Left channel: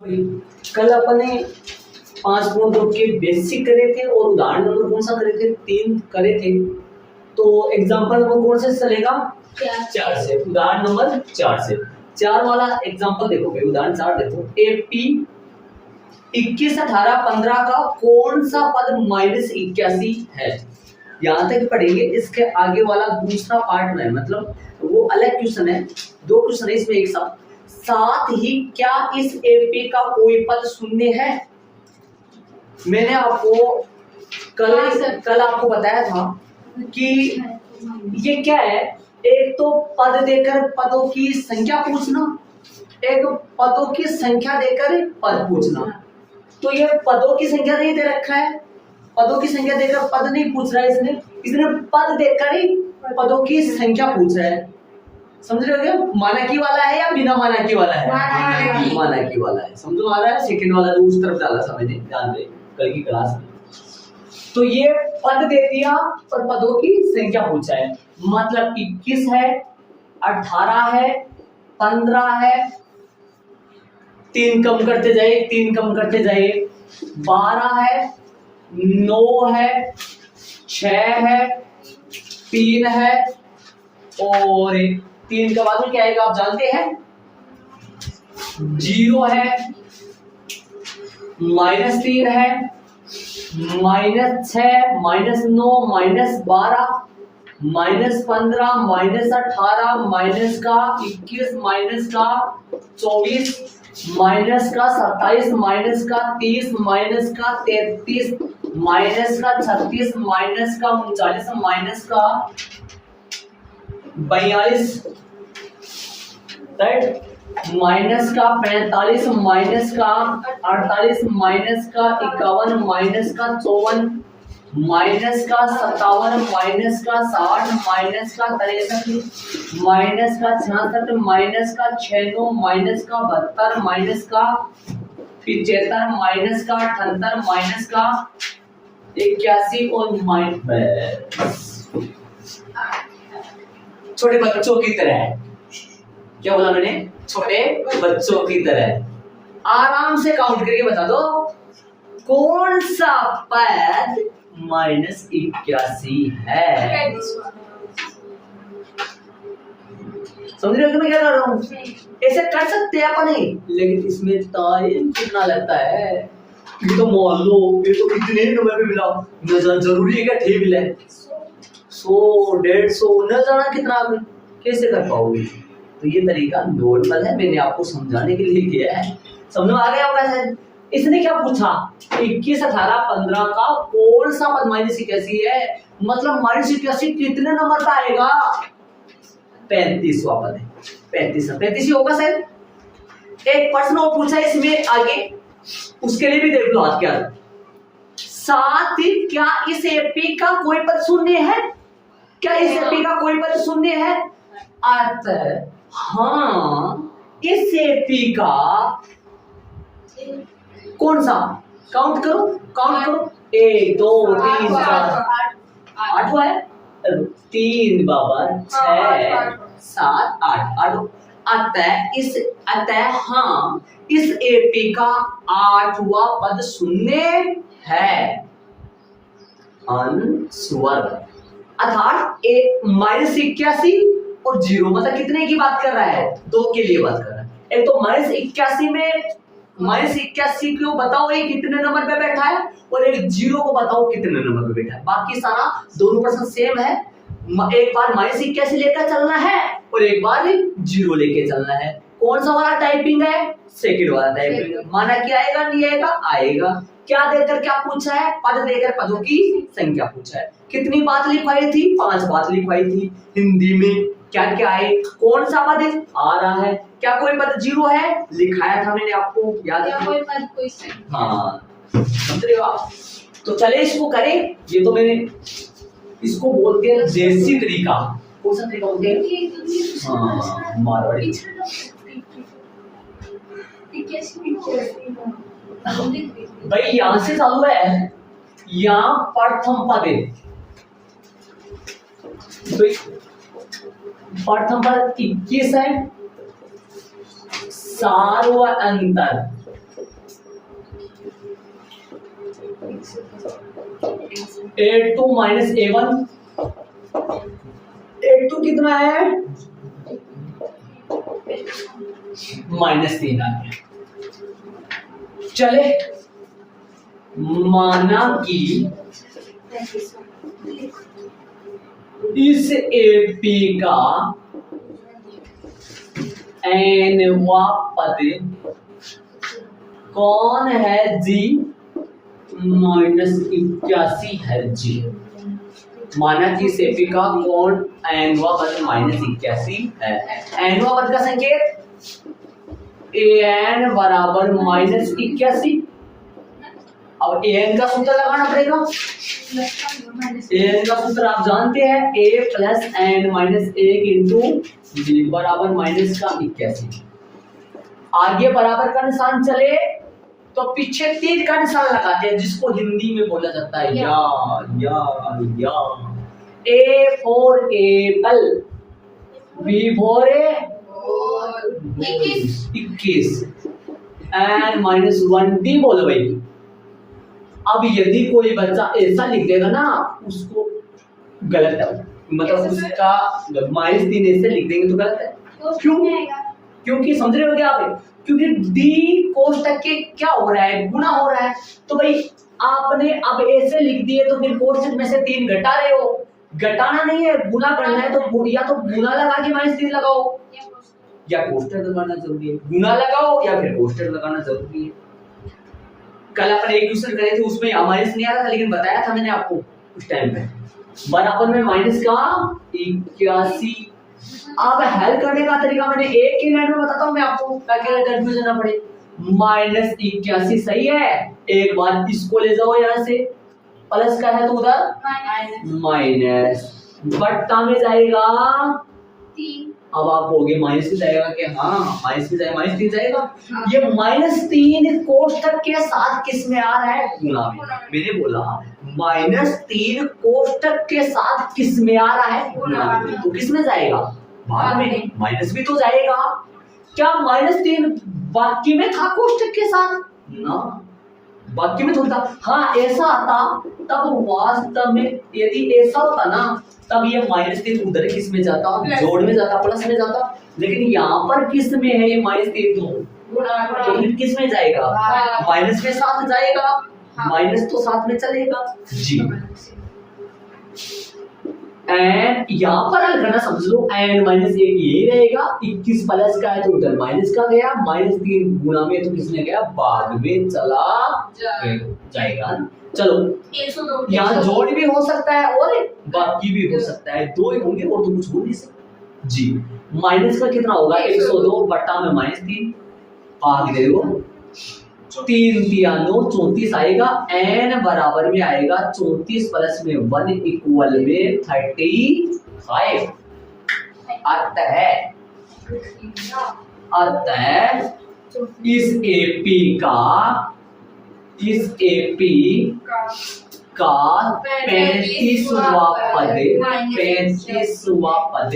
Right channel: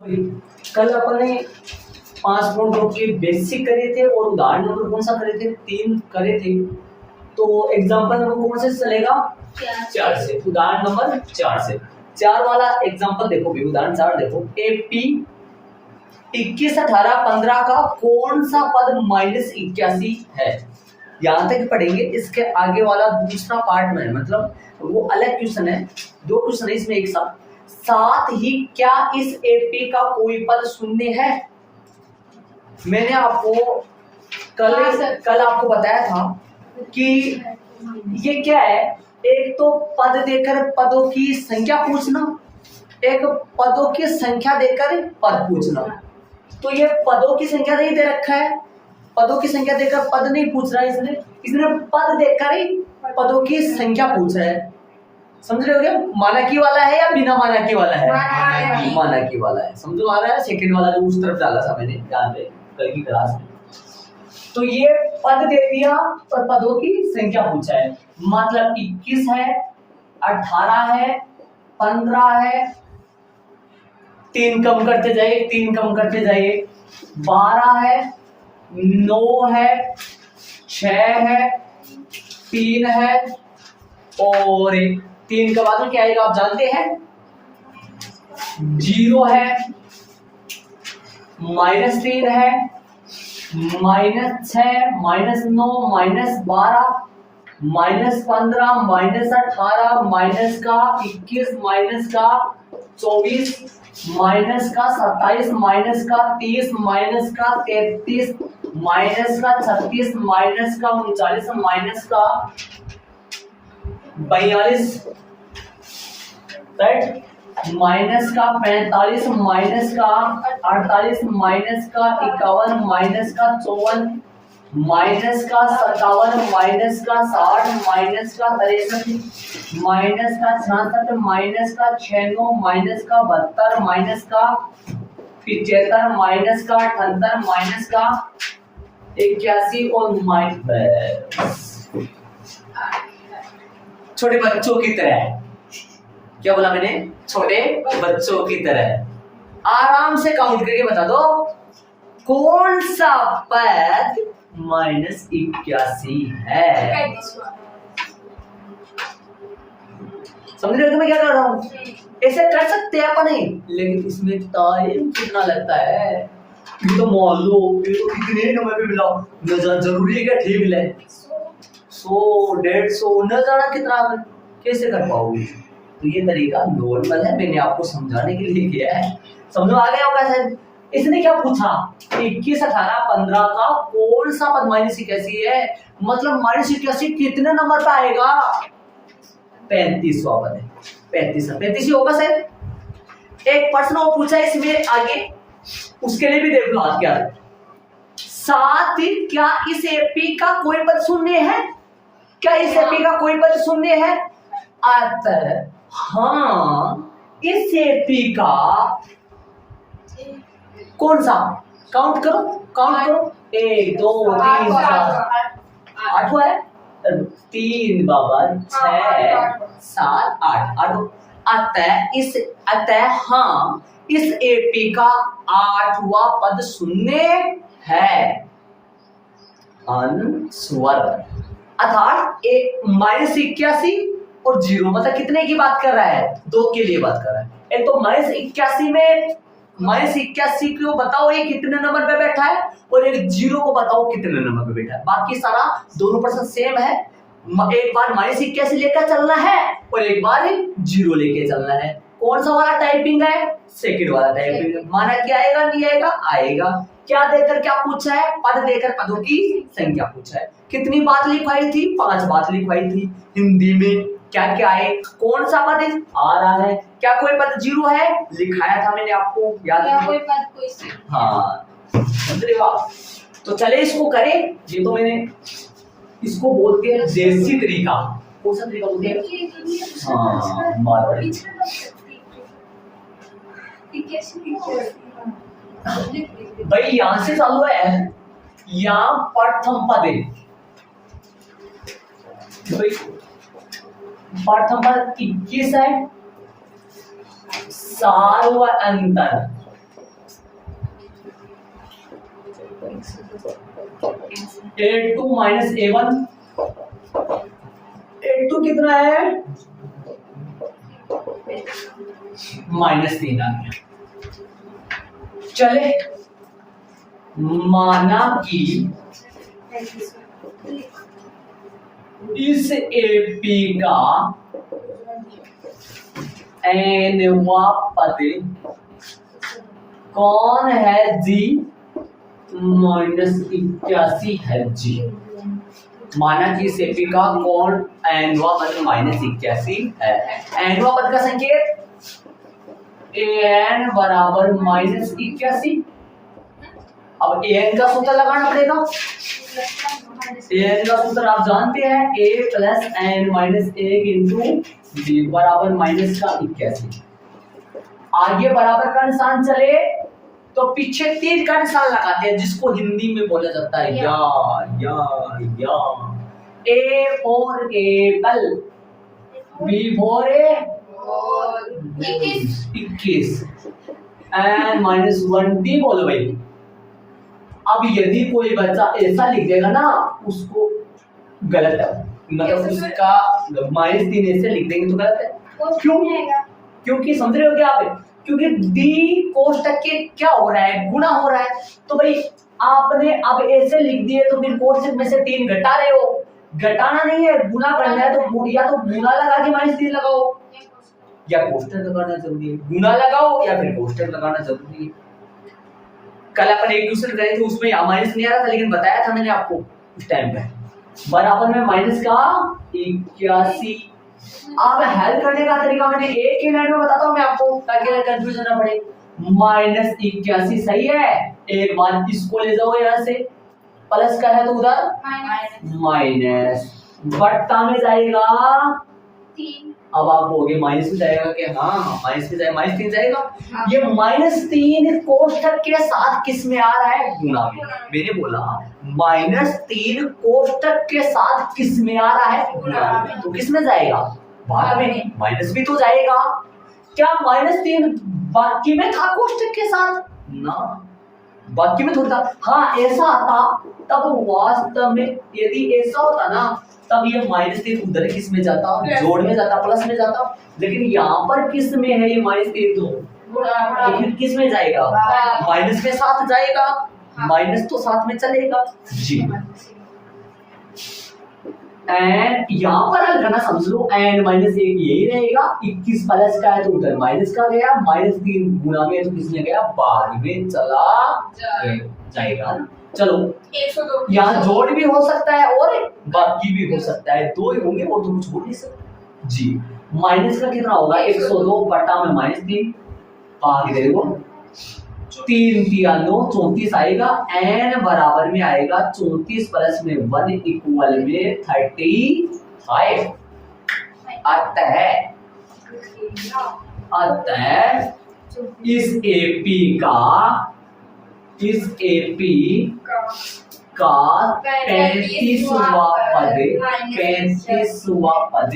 कल अपन ने 5.2 के बेसिक करे थे और उदाहरण नंबर कौन सा करे थे? 3 करे थे। तो एग्जांपल नंबर कौन से चलेगा? 4 से। उदाहरण नंबर 4 से। 4 वाला एग्जांपल देखो भाई, उदाहरण 4 देखो। एपी 21, 18, 15 का कौन सा पद -81 है? यहाँ तक पढ़ेंगे। इसके आगे वाला दूसरा पार्ट में मतलब वो अलग क्वेश्चन है, 2 क्वेश्चन है इसमें एक साथ ही क्या इस एपी का कोई पद शून्य है? मैंने आपको कल आपको बताया था कि ये क्या है, एक तो पद देकर पदों की संख्या पूछना, एक पदों की संख्या देकर पद पूछना। तो ये पदों की संख्या नहीं दे रखा है, पदों की संख्या देकर पद नहीं पूछ रहा है इसने पद देकर ही पदों की संख्या पूछ रहा है। समझ रहे हो? मानकी वाला है या बिना मानकी वाला है? मानकी वाला है। समझो आ रहा है? सेकंड वाला जो उस तरफ डाला था मैंने, ध्यान दे कल की क्लास में। तो ये पद दे दिया और पदों की संख्या पूछा है। मतलब 21 है, 18 है, 15 है, 3 कम करते जाइए, 3 कम करते जाइए, 12 है, 9 है, 6 है, 3 है और 3 के बाद में क्या आएगा आप जानते हैं? 0 है, -3 है, -6, -9, -12, -15, -18, माइनस का 21, माइनस का 24, माइनस का 27, माइनस का 30, माइनस का 33, माइनस का 36, माइनस का 39, माइनस का 42, राइट, माइनस का 45, माइनस का 48, माइनस का 51, माइनस का 54, माइनस का 57, माइनस का 60, माइनस का 63, माइनस का 66, माइनस का 96, माइनस का 72, माइनस का 75, माइनस का 78, माइनस का 81 और माइनस छोटे बच्चों की तरह। क्या बोला मैंने? छोटे बच्चों की तरह। आराम से काउंट करके बता दो कौन सा पद -81 है। समझ रहे हो कि मैं क्या कर रहा हूं? ऐसे कर सकते हैं अपन नहीं, लेकिन इसमें टाइम कितना लगता है। ये तो मान लो ये तो कितने नंबर पे मिला, न जाना जरूरी है क्या? ठीक मिला 100, 150, न जाना कितना, कैसे कर पाओगे? तो ये तरीका नॉर्मल है, मैंने आपको समझाने के लिए किया है। समझ में आ गया होगा शायद। इसने क्या पूछा? 21, 18, 15 का कौन सा पद -81 है? मतलब -81 कितने नंबर पे आएगा? 35वां पद है। 35 ही होगा शायद। एक प्रश्न और पूछा इसमें आगे, उसके लिए भी देख लो आज क्या। साथ ही क्या इस एपी का कोई पद शून्य है? क्या इस एपी का कोई पद शून्य है? अतः हाँ, इस एपी का कौन सा, काउंट करो 1 2 3 4 8 है, 3 बाबा 6 7 8। अतः हाँ, इस एपी का 8वां पद शून्य है। अनुस्वर अर्थात -81 और 0 मतलब कितने की बात कर रहा है? 2 के लिए बात कर रहा है। एक तो -81 में -81 को बताओ ये कितने नंबर पे बैठा है, और एक 0 को बताओ कितने नंबर पे बैठा है। बाकी सारा दोनों प्रश्न सेम है। एक बार -81 लेकर चलना है और एक बार 0 लेके चलना है। कौन सा वाला टाइपिंग है? सेकंड वाला टाइपिंग। माना क्या आएगा? नहीं आएगा? आएगा। क्या देकर क्या पूछा है? पद देकर पदों की संख्या पूछा है। कितनी बात लिखवाई थी? 5 बात लिखवाई थी। हिंदी में क्या क्या है? कौन सा पद आ रहा है? क्या कोई पद 0 है? लिखाया था मैंने आपको, याद है? कोई पद कोई हाँ, समझ रहे हो आप? तो चले इसको करें। ये तो मैंने इसको बोलते हैं देसी तरीका। कौन सा तरीका बोलते हैं? हाँ, मारवाड़ी। भाई यहां से चालू है, यहाँ प्रथम पद है। प्रथम पद 21 है, सार्वअंतर A2 माइनस A1, A2 कितना है -3 आ गया। चले माना कि इस AP का nवा पद कौन है G -81 है G। माना कि इस AP का कौन nवा पद -81 है। nवा पद का संकेत an बराबर -81। अब an का सूत्र लगाना पड़ेगा। an का सूत्र आप जानते हैं, a plus n minus 1 into b बराबर माइनस का 81। आगे बराबर का निशान चले तो पीछे तीर का निशान लगाते हैं, जिसको हिंदी में बोला जाता है या। a for Apple, b for 21 and -1d बोलो भाई। अब यदि कोई बच्चा ऐसा लिख देगा ना, उसको गलत है, मतलब उसका -3 ऐसे लिख देंगे तो गलत है। क्यों? क्योंकि समझ रहे हो क्या आप? क्योंकि d कोष्टक के क्या हो रहा है, गुणा हो रहा है। तो भाई आपने अब ऐसे लिख दिए तो फिर कोष्टक में से 3 घटा रहे हो। घटाना नहीं है, गुणा करना है, तो या तो गुणा लगा के -3 लगाओ या कोष्टक लगाना जरूरी है। गुणा लगाओ या फिर कोष्टक लगाना जरूरी है। कल अपन एक दूसरे करे थे, उसमें माइनस नहीं आ रहा था, लेकिन बताया था मैंने आपको उस टाइम पे बराबर में माइनस का 81। अब हेल्प करने का तरीका मैंने एक ही लाइन में बताता हूं मैं आपको, ताकि कंफ्यूजन ना पड़े। -81 सही है। एक बार इसको ले जाओ यहां से, प्लस का है तो उधर माइनस, बट्टा में जाएगा 3। अब आप कहोगे माइनस में जाएगा कि हाँ माइनस में जाएगा, -3 जाएगा। ये -3 कोष्टक के साथ किस में आ रहा है, गुणा में। मैंने बोला -3 कोष्टक के साथ किस में आ रहा है, गुणा में। तो किस में जाएगा, भाग में। माइनस भी तो जाएगा। क्या -3 बाकी में था कोष्टक के साथ ना, बाकी में थोड़ा था। हाँ ऐसा आता तब वास्तव में, यदि ऐसा होता ना तब ये -3 उधर किस में जाता, जोड़ में जाता, प्लस में जाता। लेकिन यहाँ पर किस में है ये -3, तो फिर किस में जाएगा, माइनस में साथ जाएगा। माइनस तो साथ में चलेगा जी। एंड यहाँ पर हल करना समझ लो, एंड -1 यही रहेगा। 21 प्लस का है तो उधर माइनस का गया, -3 गुणा में तो किसमें गया, बाद में चला जाएगा। चलो 102 यहाँ जोड़ भी हो सकता है और बाकी भी हो सकता है, 2 ही होंगे और तो कुछ हो नहीं सकता जी। माइनस का कितना होगा, 102 बटा में -3 भाग देखो 3 3 9 34 आएगा। n बराबर में आएगा 34 प्लस में 1 इक्वल में 35। अतः इस AP का 35वां पद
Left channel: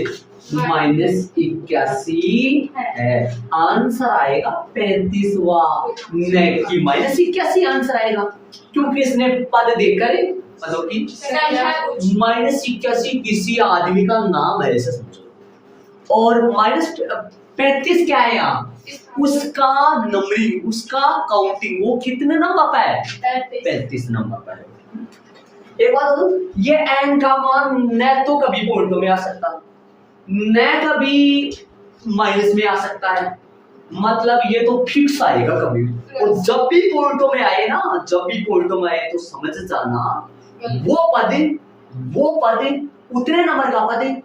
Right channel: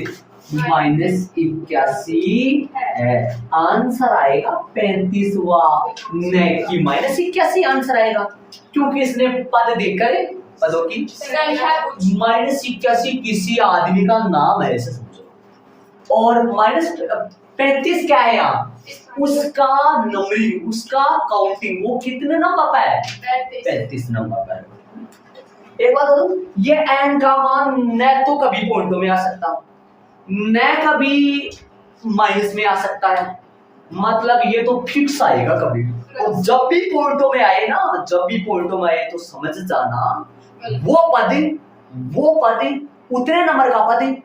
-81 है। आंसर आएगा 35वां, न कि -81 आंसर आएगा, क्योंकि इसने पद देखकर पदों की -81 किसी आदमी का नाम है ऐसे समझो। और -35 क्या है यहाँ, उसका नंबरिंग, उसका काउंटिंग, वो कितने नंबर पर है, 35 नंबर पर है। एक बात बोलो, ये n का मान न तो कभी पॉइंटों में आ सकता, न कभी माइनस में आ सकता है, मतलब ये तो फिक्स आएगा कभी। और जब भी पॉइंटों में आए ना, जब भी पॉइंटों में आए तो समझ जाना वो पद उतने नंबर का पद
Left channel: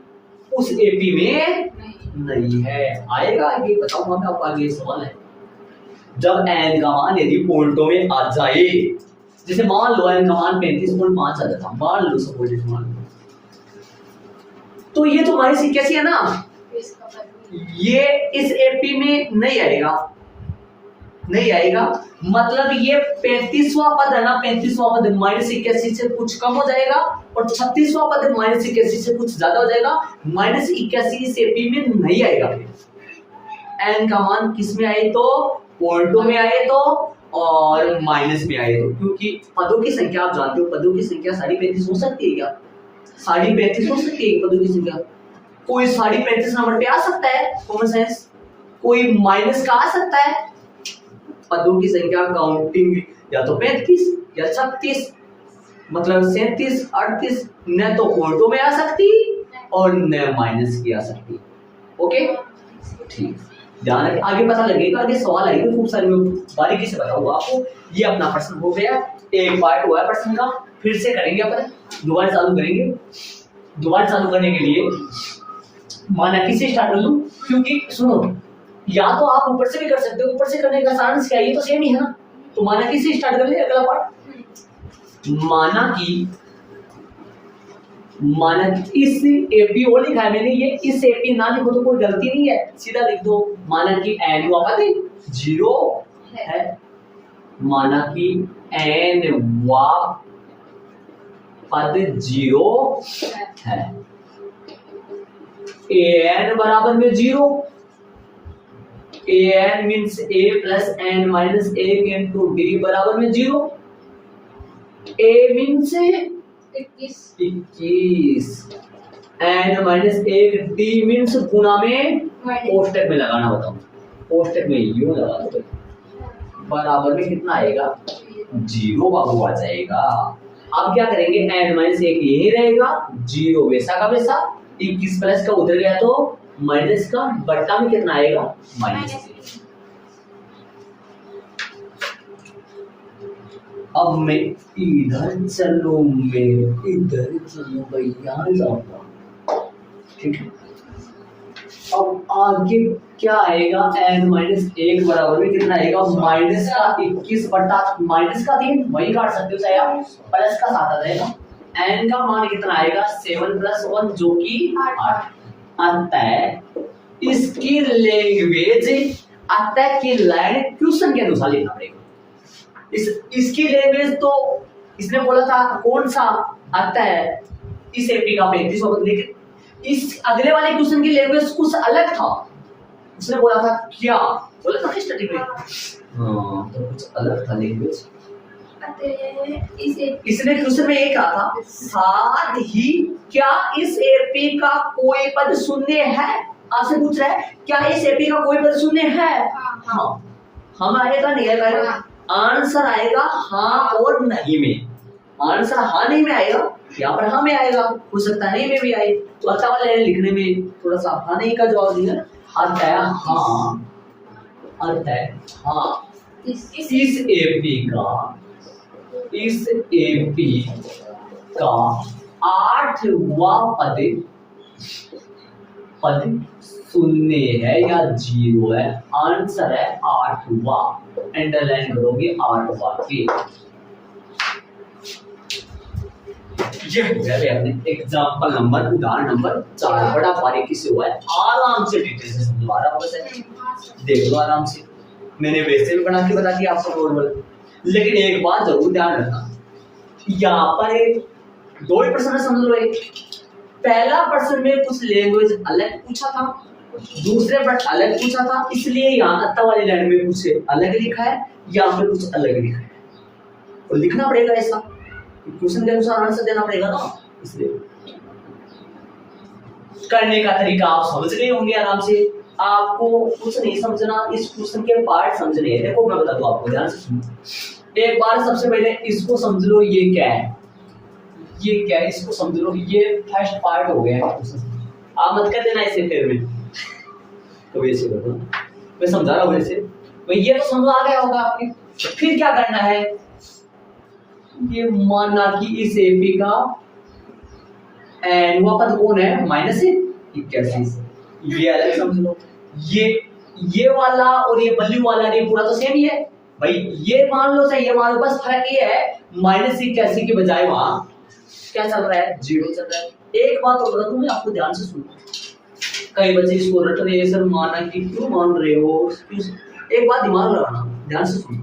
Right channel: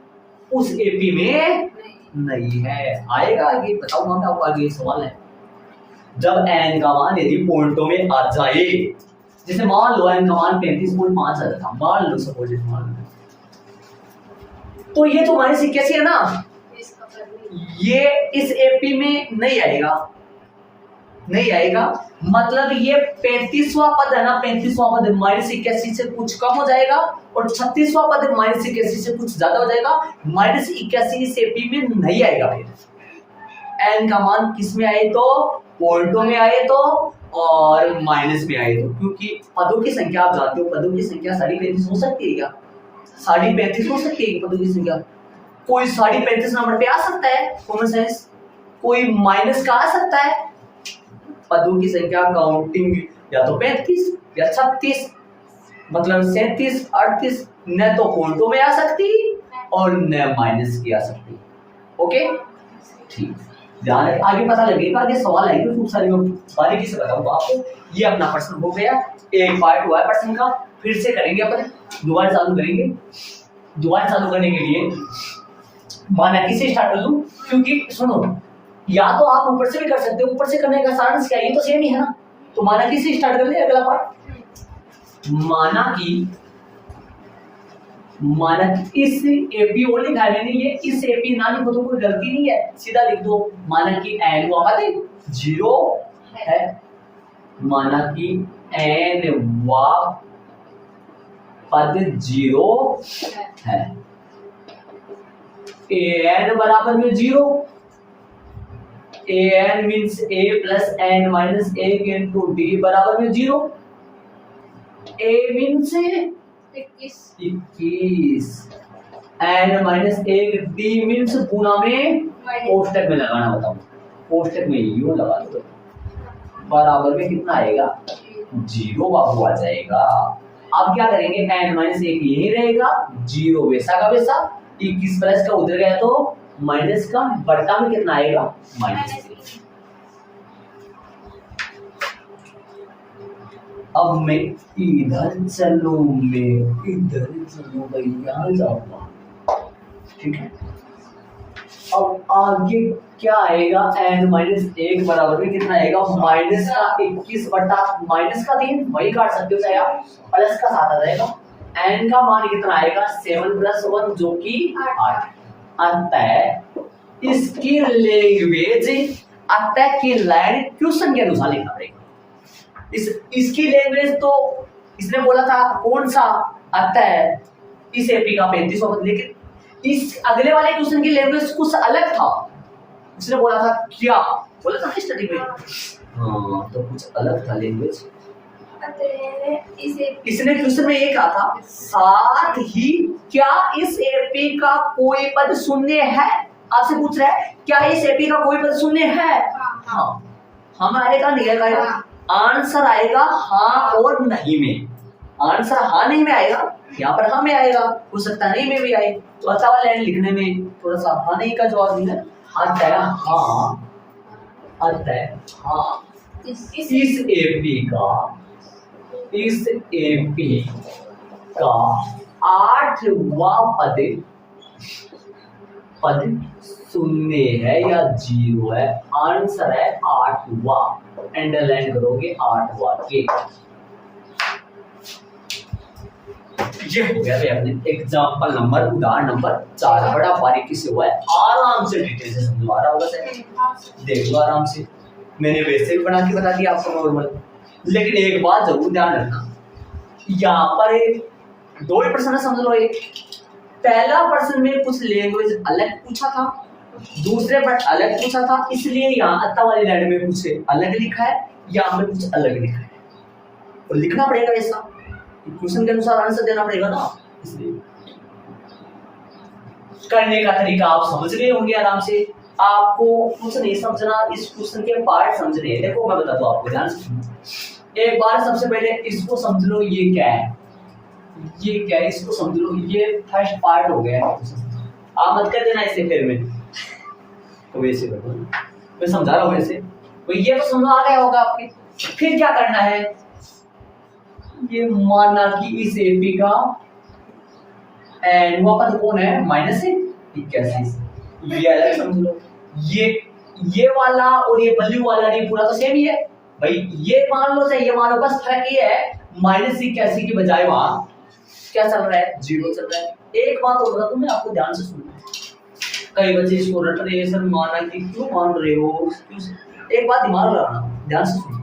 उस AP में नहीं है। आएगा आगे, बताऊंगा मैं आपको आगे। सवाल है जब n का मान यदि पॉइंटों में आ जाए, जैसे मान लो n का मान 35.5 आ जाता, मान लो सपोज, मान लो, तो ये तो -81 है ना, ये इस AP में नहीं आएगा, मतलब ये 35वां पद है ना, 35वां पद -81 से कुछ कम हो जाएगा और 36वां पद -81 से कुछ ज्यादा हो जाएगा। -81 इस AP में नहीं आएगा। फिर n का मान किस में आए तो, पॉइंटों में आए तो और माइनस में आए तो, क्योंकि पदों की संख्या आप जानते हो, पदों की संख्या 35.5 हो सकती है क्या? 35.5 हो सकती है पदों की संख्या? कोई 35.5 नंबर पे आ सकता है कॉमन सेंस, कोई माइनस का आ सकता है। पदों की संख्या काउंटिंग या तो 35 या 36, मतलब 37 38 न तो पॉइंटों में आ सकती और न माइनस की आ सकती। ओके ठीक, ध्यान रखें, आगे पता लगेगा, आगे सवाल आएंगे खूब सारे, मैं बारीकी से बताऊंगा आपको। ये अपना प्रश्न हो गया, एक पार्ट हुआ है प्रश्न का, फिर से करेंगे अपन, दोबारा चालू करेंगे। दोबारा चालू करने के लिए माना से स्टार्ट कर लूं, क्योंकि सुनो, या तो आप ऊपर से भी कर सकते हो, ऊपर से करने का सारांश क्या है, ये तो सेम ही है ना। तो माना से स्टार्ट कर ले अगला पार्ट। माना कि इस एपी और लिखा है मैंने, ये इस एपी ना लिखो तो कोई गलती नहीं है, सीधा लिख दो। माना कि एन हुआ पद 0 है, माना कि एन वा पद 0 है, एन बराबर में 0, N means A plus N minus 1 into D बराबर में 0, A means 21, N minus 1 D means गुणा में कोष्टक में लगाना, बताओ कोष्टक में यूं लगा दो, बराबर में कितना आएगा 0 बाबू आ जाएगा। अब क्या करेंगे, एन माइनस 1 यही रहेगा, 0 वैसा का वैसा, 21 प्लस का उधर गया तो माइनस का, बट्टा में कितना आएगा -3। अब मैं इधर चलूं, मैं इधर चलूं भैया, जाऊंगा, ठीक है। अब आगे क्या आएगा, एन माइनस 1 बराबर में कितना आएगा, माइनस का 21 बट्टा माइनस का 3, वही काट सकते हो चाहे आप, प्लस का 7 आ जाएगा। एन का मान कितना आएगा 7 + 1 जो कि 8। अतः इसकी लैंग्वेज, अतः की लाइन क्वेश्चन के अनुसार लिखना पड़ेगा। इसकी लैंग्वेज तो इसने बोला था कौन सा, अतः इस एपी का 35वां पद, लेकिन इस अगले वाले क्वेश्चन की लैंग्वेज कुछ अलग था। उसने बोला था क्या, बोला था स्टडी में, हाँ तो कुछ अलग था लैंग्वेज। इसने क्वेश्चन में ये कहा था, साथ ही क्या इस एपी का कोई पद शून्य है, आपसे पूछ रहा है क्या इस एपी का कोई पद शून्य है। हाँ हम आएगा नहीं आएगा, आंसर आएगा हाँ और नहीं में, आंसर हाँ नहीं में आएगा, यहाँ पर हाँ में आएगा, हो सकता नहीं में भी आए, तो अच्छा वाला लिखने में थोड़ा सा हाँ नहीं का जवाब देना, अतः हाँ, अतः हाँ इस एपी का 8वां पद शून्य है या 0 है, आंसर है 8वां, अंडरलाइन करोगे 8वां के। ये हो गया अपने एग्जांपल नंबर, उदाहरण नंबर 4, बड़ा बारीकी से हुआ है, आराम से डिटेल से समझवा रहा होगा सर, देख लो आराम से, मैंने वैसे भी बना के बता दिया आपको नॉर्मल, लेकिन एक बात जरूर ध्यान रखना, यहाँ पर 2 ही प्रश्न समझ लो। एक पहला प्रश्न में कुछ लैंग्वेज अलग पूछा था, दूसरे पर अलग पूछा था, इसलिए यहाँ अत्ता वाली लाइन में कुछ अलग लिखा है, यहाँ पे कुछ अलग लिखा है, और लिखना पड़ेगा ऐसा, क्वेश्चन के अनुसार आंसर देना पड़ेगा ना, इसलिए करने का तरीका आप समझ रहे होंगे आराम से, आपको कुछ नहीं समझना, इस क्वेश्चन के पार्ट समझने हैं। देखो मैं बता दूं आपको, ध्यान से सुनो एक बार, सबसे पहले इसको समझ लो, ये क्या है, ये क्या है इसको समझ लो, ये फर्स्ट पार्ट हो गया है, आप मत कर देना इसे फिर में, तो वैसे कर दो, मैं समझा रहा हूँ वैसे, तो ये तो समझ आ गया होगा आपके। फिर क्या करना है, ये माना कि इस एपी का एनवा पद कौन है, -81, ये अलग समझ लो, ये वाला और ये ब्लू वाला नहीं, पूरा तो सेम ही है भाई, ये मान लो चाहे ये मान लो, बस फर्क ये है -81 के बजाय वहां क्या चल रहा है, 0 चल रहा है। एक बात और बता दूं मैं आपको, ध्यान से सुनो, कई बच्चे इसको रट रहे हैं, सर माना कि क्यों मान रहे हो, एक बात दिमाग लगाना, ध्यान से सुनो,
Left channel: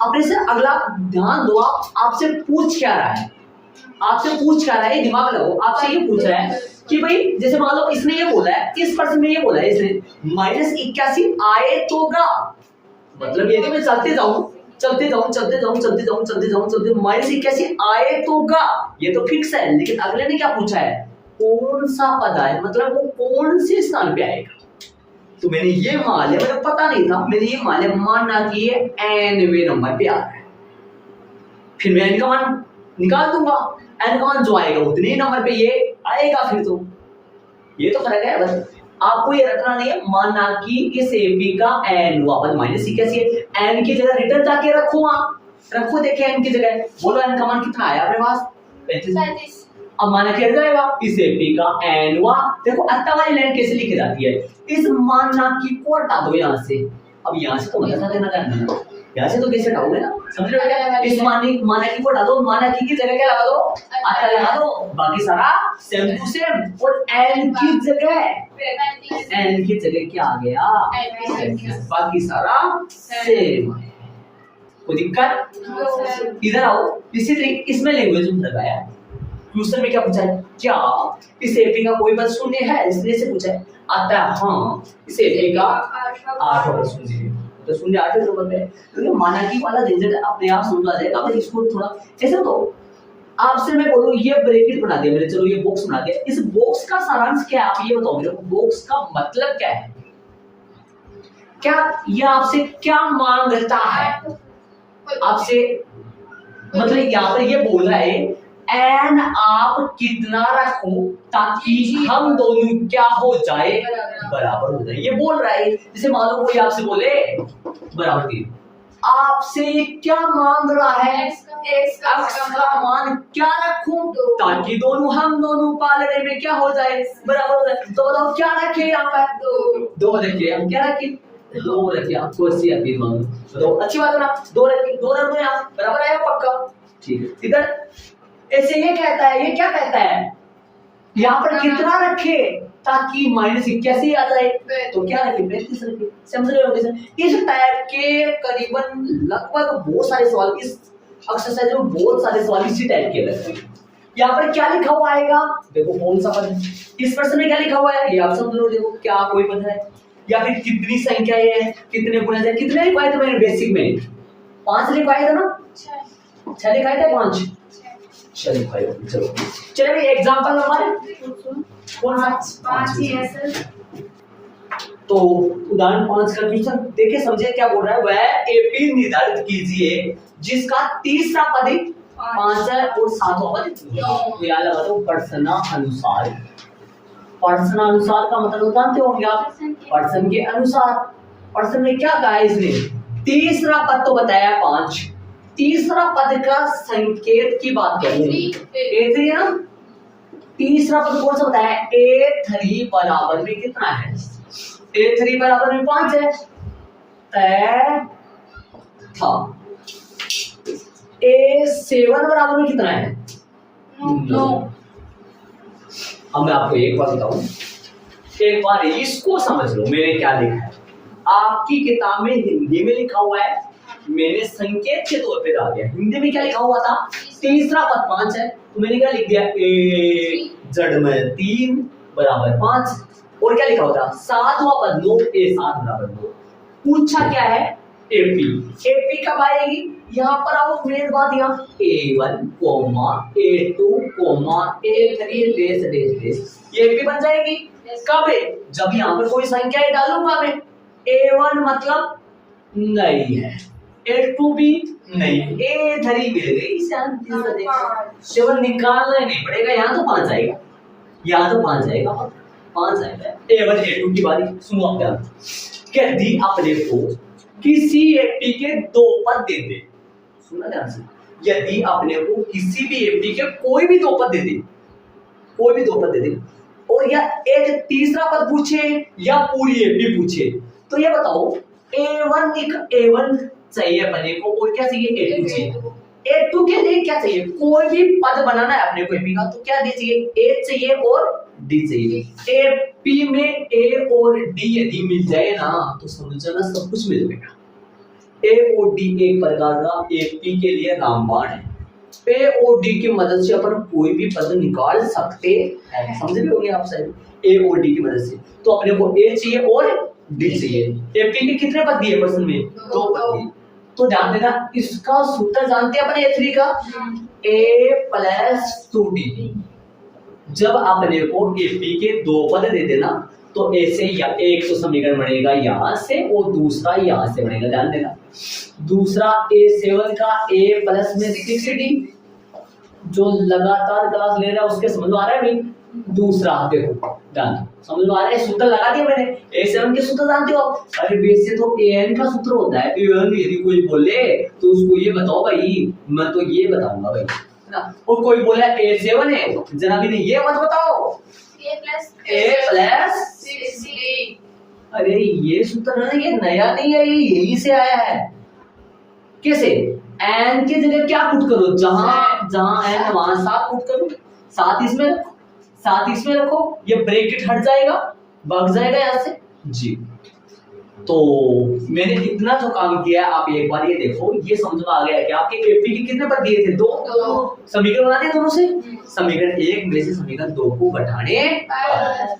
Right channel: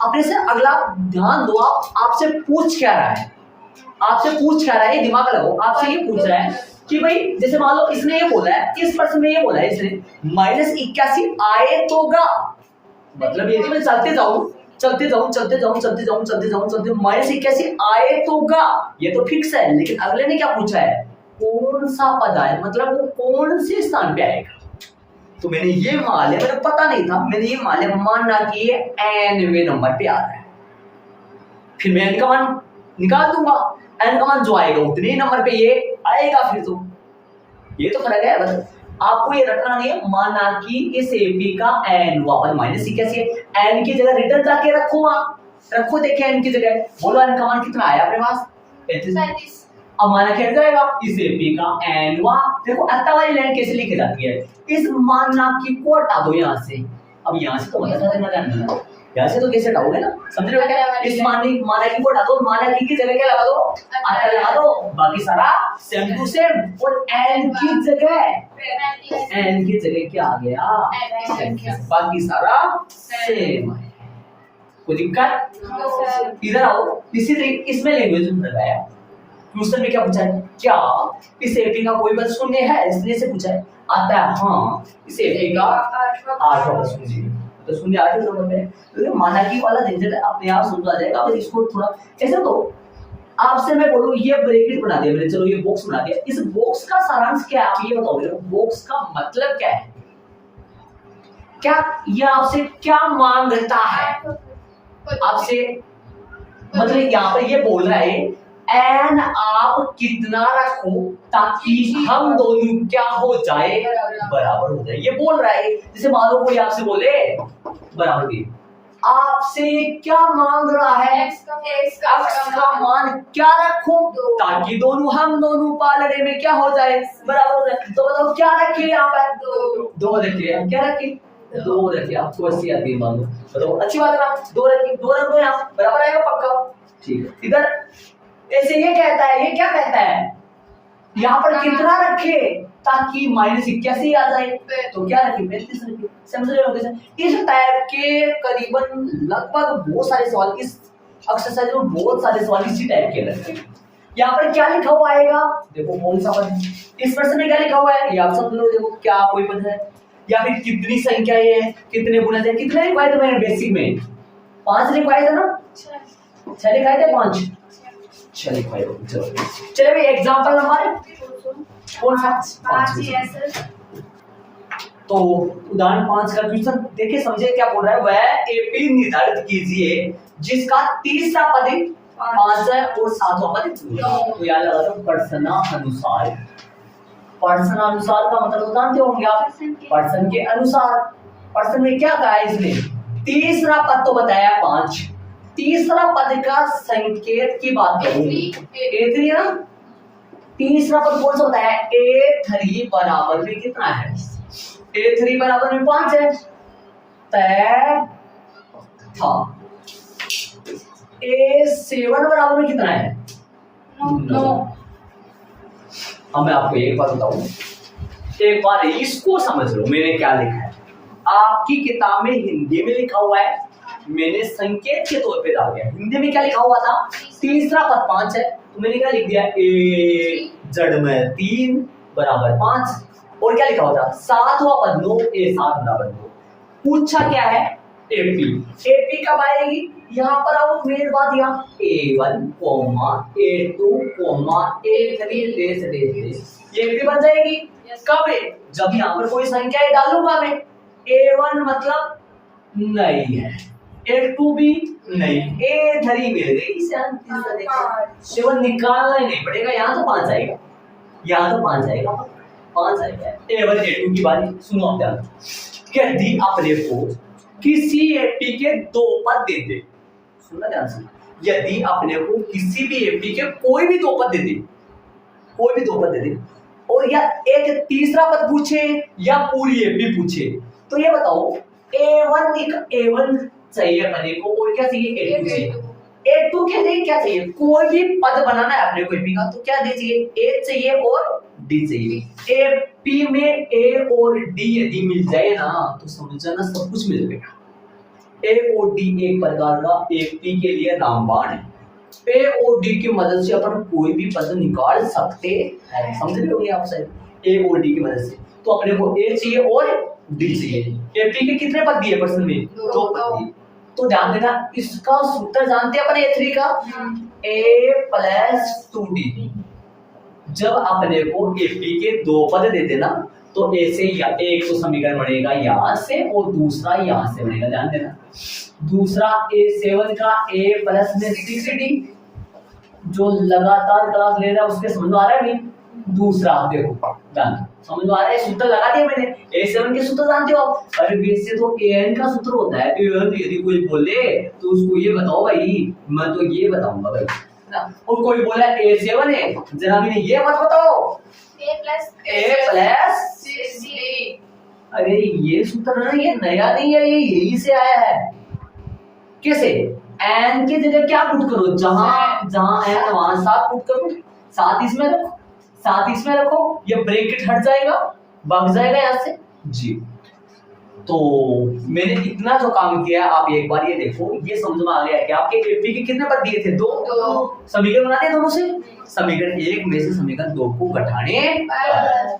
अपने से अगला ध्यान दो, आपसे पूछ क्या रहा है, आपसे पूछ क्या रहा है, दिमाग लगाओ, आपसे ये पूछ रहा है कि भाई जैसे मान लो इसने ये बोला है, किस प्रश्न में ये बोला है इसने -81 आए तो गा, मतलब यदि मैं चलते जाऊं चलते जाऊं माइनस 81 आए तो गा, ये तो फिक्स है। लेकिन अगले ने क्या पूछा है, कौन सा पद आए, मतलब वो कौन से स्थान पे आएगा। तो मैंने ये मान लिया, मुझे पता नहीं था, मैंने ये मान लिया, मानना कि ये nवें नंबर पे आ रहा है। फिर मैं n का मान निकाल दूंगा, n का मान जो आएगा उतने ही नंबर पे ये आएगा। फिर तो ये तो फर्क है, बस आपको ये रटना नहीं है। मानना कि इस एपी का n वापस माइनस 81 है, n की जगह रिटर्न जाके रखो, वहां रखो, देखिए n की जगह, बोलो n का मान कितना आया अपने पास, 35। अब माना क्या जाएगा, इस एपी का n वा, देखो अत्ता वाली लाइन कैसे लिखी जाती है, इस मानना की को हटा दो यहाँ से। अब यहाँ से तो बता देना करना, यहाँ से तो कैसे हटाओगे ना, समझ रहे हो क्या। इस माना की को हटा दो, माना की जगह क्या लगा दो, अत्ता लगा दो, बाकी सारा सेम टू सेम। और n की जगह क्या आ गया, बाकी सारा सेम। कोई दिक्कत, इधर आओ। इसी तरीके इसमें लैंग्वेज में लगाया, क्वेश्चन में क्या पूछा है, क्या इस एपी का कोई पद शून्य है, इसलिए से पूछा है। आता है हाँ, इस एपी का 8 पद शून्य है, तो शून्य 8 नंबर पे। तो माना की वाला झंझट अपने आप समझ आ जाएगा। अब इसको थोड़ा ऐसे, तो आपसे मैं बोलूं ये ब्रैकेट बना दिया मैंने, चलो ये बॉक्स बना दिया, इस बॉक्स का सारांश क्या है, आप ये बताओ मेरे को, बॉक्स का मतलब क्या है, क्या ये आपसे क्या मांगता है आपसे, मतलब यहाँ पर ये बोल रहा है एन आप कितना रखो ताकि हम दोनों क्या हो जाए, बराबर हो जाए। ये बोल रहा है, जैसे मान लो कोई आपसे बोले बराबर की, आपसे ये क्या मांग रहा है, x का मान क्या रखूं ताकि दोनों हम दोनों पालने में क्या हो जाए, बराबर हो जाए। तो बताओ क्या रखे यहाँ पर, दो रखे, हम क्या रखे, 2 रखे। आपको 80 आती है, मान लो, बताओ अच्छी बात है ना, 2 रखे, 2 रख दो यहाँ, बराबर आएगा पक्का, ठीक है। इधर ऐसे ये कहता है, ये क्या कहता है, यहाँ पर कितना रखे ताकि माइनस 81 आ जाए, तो क्या रखे, 35 रखे। समझ रहे हो। इस टाइप के करीबन लगभग बहुत सारे सवाल इस एक्सरसाइज में, बहुत सारे सवाल इसी टाइप के लगते हैं। यहाँ पर क्या लिखा हुआ आएगा, देखो कौन सा पद, इस प्रश्न में क्या लिखा हुआ है ये आप समझ लो, देखो क्या कोई पद है, या फिर कितनी संख्या है, कितने गुणज है, कितने लिखवाए थे मैंने बेसिक में, 5 लिखवाए थे ना, 6 लिखाए थे, 5 चलिए भाई, चलो चलिए भाई एग्जांपल हमारे कौन सा 5 ही है सर। तो उदाहरण 5 का क्वेश्चन देखिए, समझे क्या बोल रहा है, वह एपी निर्धारित कीजिए जिसका तीसरा पद 5 है और सातवां पद 9। तो याद लगा दो प्रश्नानुसार, प्रश्नानुसार का मतलब जानते होंगे आप, प्रश्न के अनुसार। प्रश्न में क्या कहा है, इसमें तीसरा पद तो बताया 5, तीसरा पद का संकेत की बात करूंगी, A3 ना, तीसरा पद कौन सा बताया, A3 बराबर में कितना है, A3 बराबर में 5 है, तय था। A7 बराबर में कितना है, 9। अब मैं आपको एक बात बताऊं, एक बार इसको समझ लो, मैंने क्या लिखा है, आपकी किताब में हिंदी में लिखा हुआ है, मैंने संकेत के तौर पे डाल दिया। हिंदी में क्या लिखा हुआ था, तीसरा पद 5 है, तो मैंने क्या लिख दिया, ए जड़ में 3 बराबर 5, और क्या लिखा हुआ था, सातवां पद 9, A7 बराबर 9। पूछा क्या है, एपी, एपी कब आएगी, यहाँ पर आओ, मेन बात यहाँ A1, A2, A3 dash dash dash, ये एपी बन जाएगी। कब है, जब यहाँ पर कोई संख्या डालूंगा मैं, A1 मतलब नहीं है, A2 भी नहीं, A3 मिल गई, इसे केवल निकालना ही नहीं पड़ेगा, यहाँ तो 5 आएगा, यहाँ तो 5 आएगा, 5 आएगा। A1 A2 की बारी सुनो आप ध्यान, यदि अपने को किसी एपी के 2 पद दे दे, सुनना ध्यान से, यदि अपने को किसी भी एपी के कोई भी 2 पद दे दे, कोई भी 2 पद दे दे, और या एक तीसरा पद पूछे या पूरी एपी पूछे, तो ये बताओ A1 चाहिए अपने को, और क्या चाहिए, A2 चाहिए। A2 के लिए क्या चाहिए, कोई भी पद बनाना है अपने को एपी का, तो क्या चाहिए, A चाहिए और D चाहिए। एपी में A और D यदि मिल जाए ना, तो समझना सब कुछ मिल जाएगा। A और D एक प्रकार का एपी के लिए रामबाण है। A और D की मदद से अपन कोई भी पद निकाल सकते हैं, समझ रहे होंगे आप शायद, A और D की मदद से। तो अपने को A चाहिए और D चाहिए। एपी के कितने पद दिए प्रश्न में, 2 पद दिए, तो ध्यान देना इसका सूत्र जानते हैं अपन A3 का A प्लस 2D। जब अपने को AP के दो पद दे देना तो A से या एक तो समीकरण बनेगा यहाँ से और दूसरा यहाँ से बनेगा। ध्यान देना दूसरा A7 का A प्लस में 6D, जो लगातार क्लास ले रहा है उसके समझ में आ रहा है नहीं। दूसरा देखो ध्यान समझ में आ रहा है, सूत्र लगा दिया मैंने। A7 के सूत्र जानते हो? अरे वैसे तो AN का सूत्र होता है। AN यदि कोई बोले तो उसको ये बताओ भाई, मैं तो ये बताऊंगा भाई ना। और कोई बोला A7 है जनाब ने ये मत बताओ A प्लस 6D। अरे ये सूत्र ना ये नया नहीं है, ये यही से आया है। कैसे? n के जगह क्या पुट करो, जहां जहां n वहां 7 पुट करो, 7 इसमें रखो, 7 इसमें रखो, ये ब्रैकेट हट जाएगा, भाग जाएगा यहाँ से जी। तो मैंने इतना जो काम किया है आप एक बार ये देखो, ये समझ में आ गया कि आपके एपी के कितने पद दिए थे? 2 समीकरण बनाते हैं दोनों से। समीकरण 1 में से समीकरण 2 को घटाने पर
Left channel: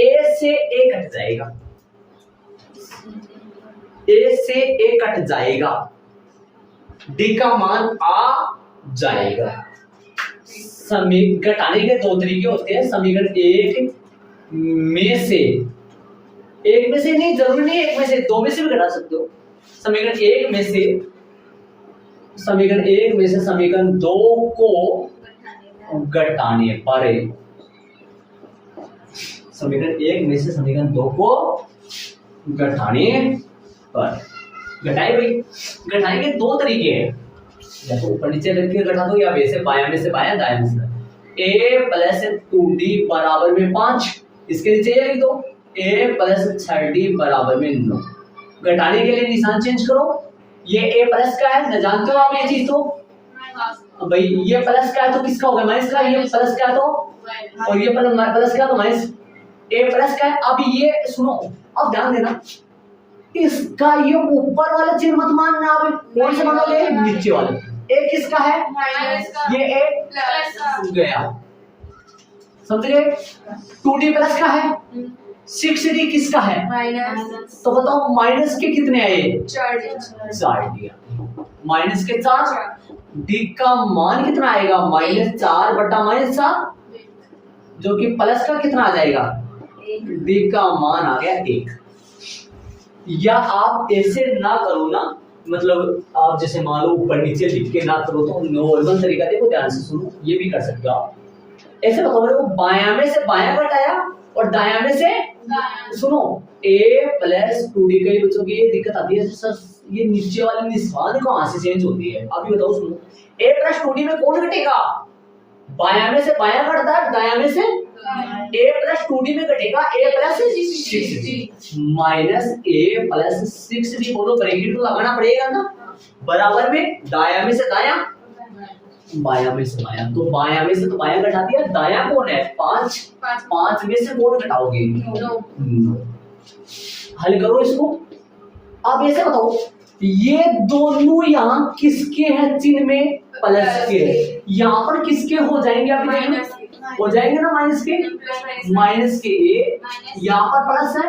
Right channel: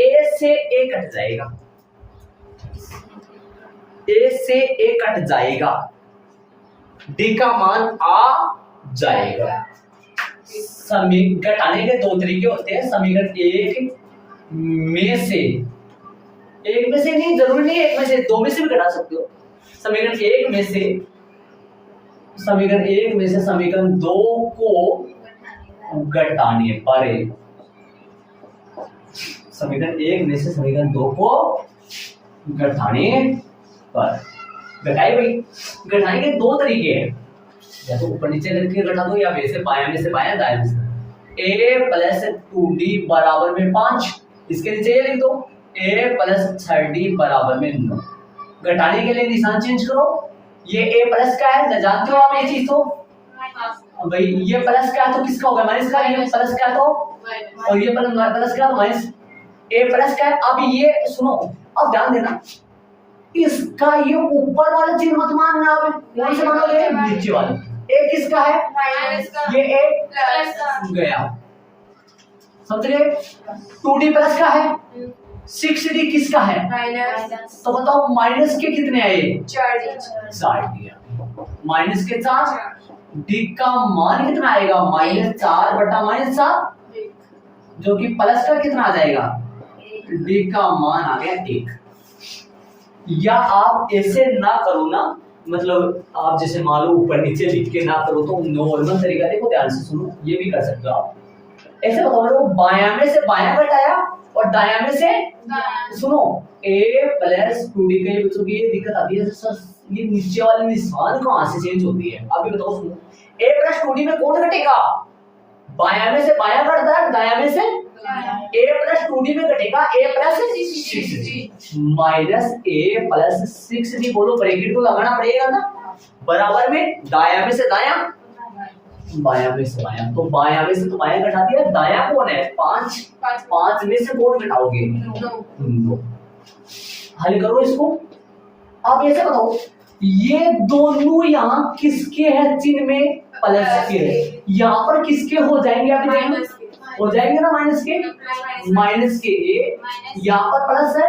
a से a कट जाएगा, a से a कट जाएगा, d का मान आ जाएगा। समीकरण घटाने के दो तरीके होते हैं। समीकरण 1 में से, एक में से नहीं, जरूरी नहीं एक में से, 2 में से भी घटा सकते हो। समीकरण 1 में से समीकरण 2 को घटाने पर, समीकरण 1 में से समीकरण 2 को घटाने पर, घटाए भाई, घटाने के दो तरीके हैं, या तो ऊपर नीचे करके घटा दो या वैसे बायां में से बायां दायां में से। a प्लस 2d बराबर में 5, इसके नीचे ये लिख दो a प्लस 6d बराबर में 9। घटाने के लिए निशान चेंज करो। ये a प्लस का है ना, जानते हो आप ये चीज तो भाई, ये प्लस का है तो किसका होगा? माइनस का। ये प्लस का है तो, और ये प्लस का तो माइनस, a प्लस का है। अब ये सुनो, अब ध्यान देना, इसका ये ऊपर वाला चिन्ह मत मानना, अब कौन से मानोगे? नीचे वाला। a किसका है? माइनस का। ये a प्लस का गया, समझ गए? 2d प्लस का है, 6d किसका है? माइनस। तो बताओ माइनस के कितने आए? 4 दिया, माइनस के 4। d का मान कितना आएगा? -4 बटा -4, जो कि प्लस का कितना आ जाएगा? d का मान आ गया 1। या आप ऐसे ना करो ना, मतलब आप जैसे मान लो ऊपर नीचे लिख के ना करो, तो नॉर्मल तरीका देखो, ध्यान से सुनो, ये भी कर सकते हो आप। ऐसे बताओ मेरे को, बायां में से बायां घटाया और दायां में से सुनो, a प्लस 2d के लिए बच्चों की ये दिक्कत आती है सर, ये नीचे वाले निशान कहां से चेंज होती है? अभी बताओ सुनो, a प्लस 2d में कौन घटेगा? बायां में से बायां घटता है, दायां में से a प्लस 2d में घटेगा a plus 6d minus a plus 6d। बोलो ब्रैकेट को लगाना पड़ेगा ना, बराबर में दायां में से दायां, बायां में से बायां। तो बायां में से तो बायां घटा दिया, दायां कौन है? 5 में से कौन घटाओगे? 9। हल करो इसको। अब ऐसे बताओ, ये दोनों यहाँ किसके हैं? चिन्ह में प्लस के, यहाँ पर किसके हो जाएंगे? आप देखो हो जाएंगे ना, माइनस के, माइनस के a, यहाँ पर प्लस है,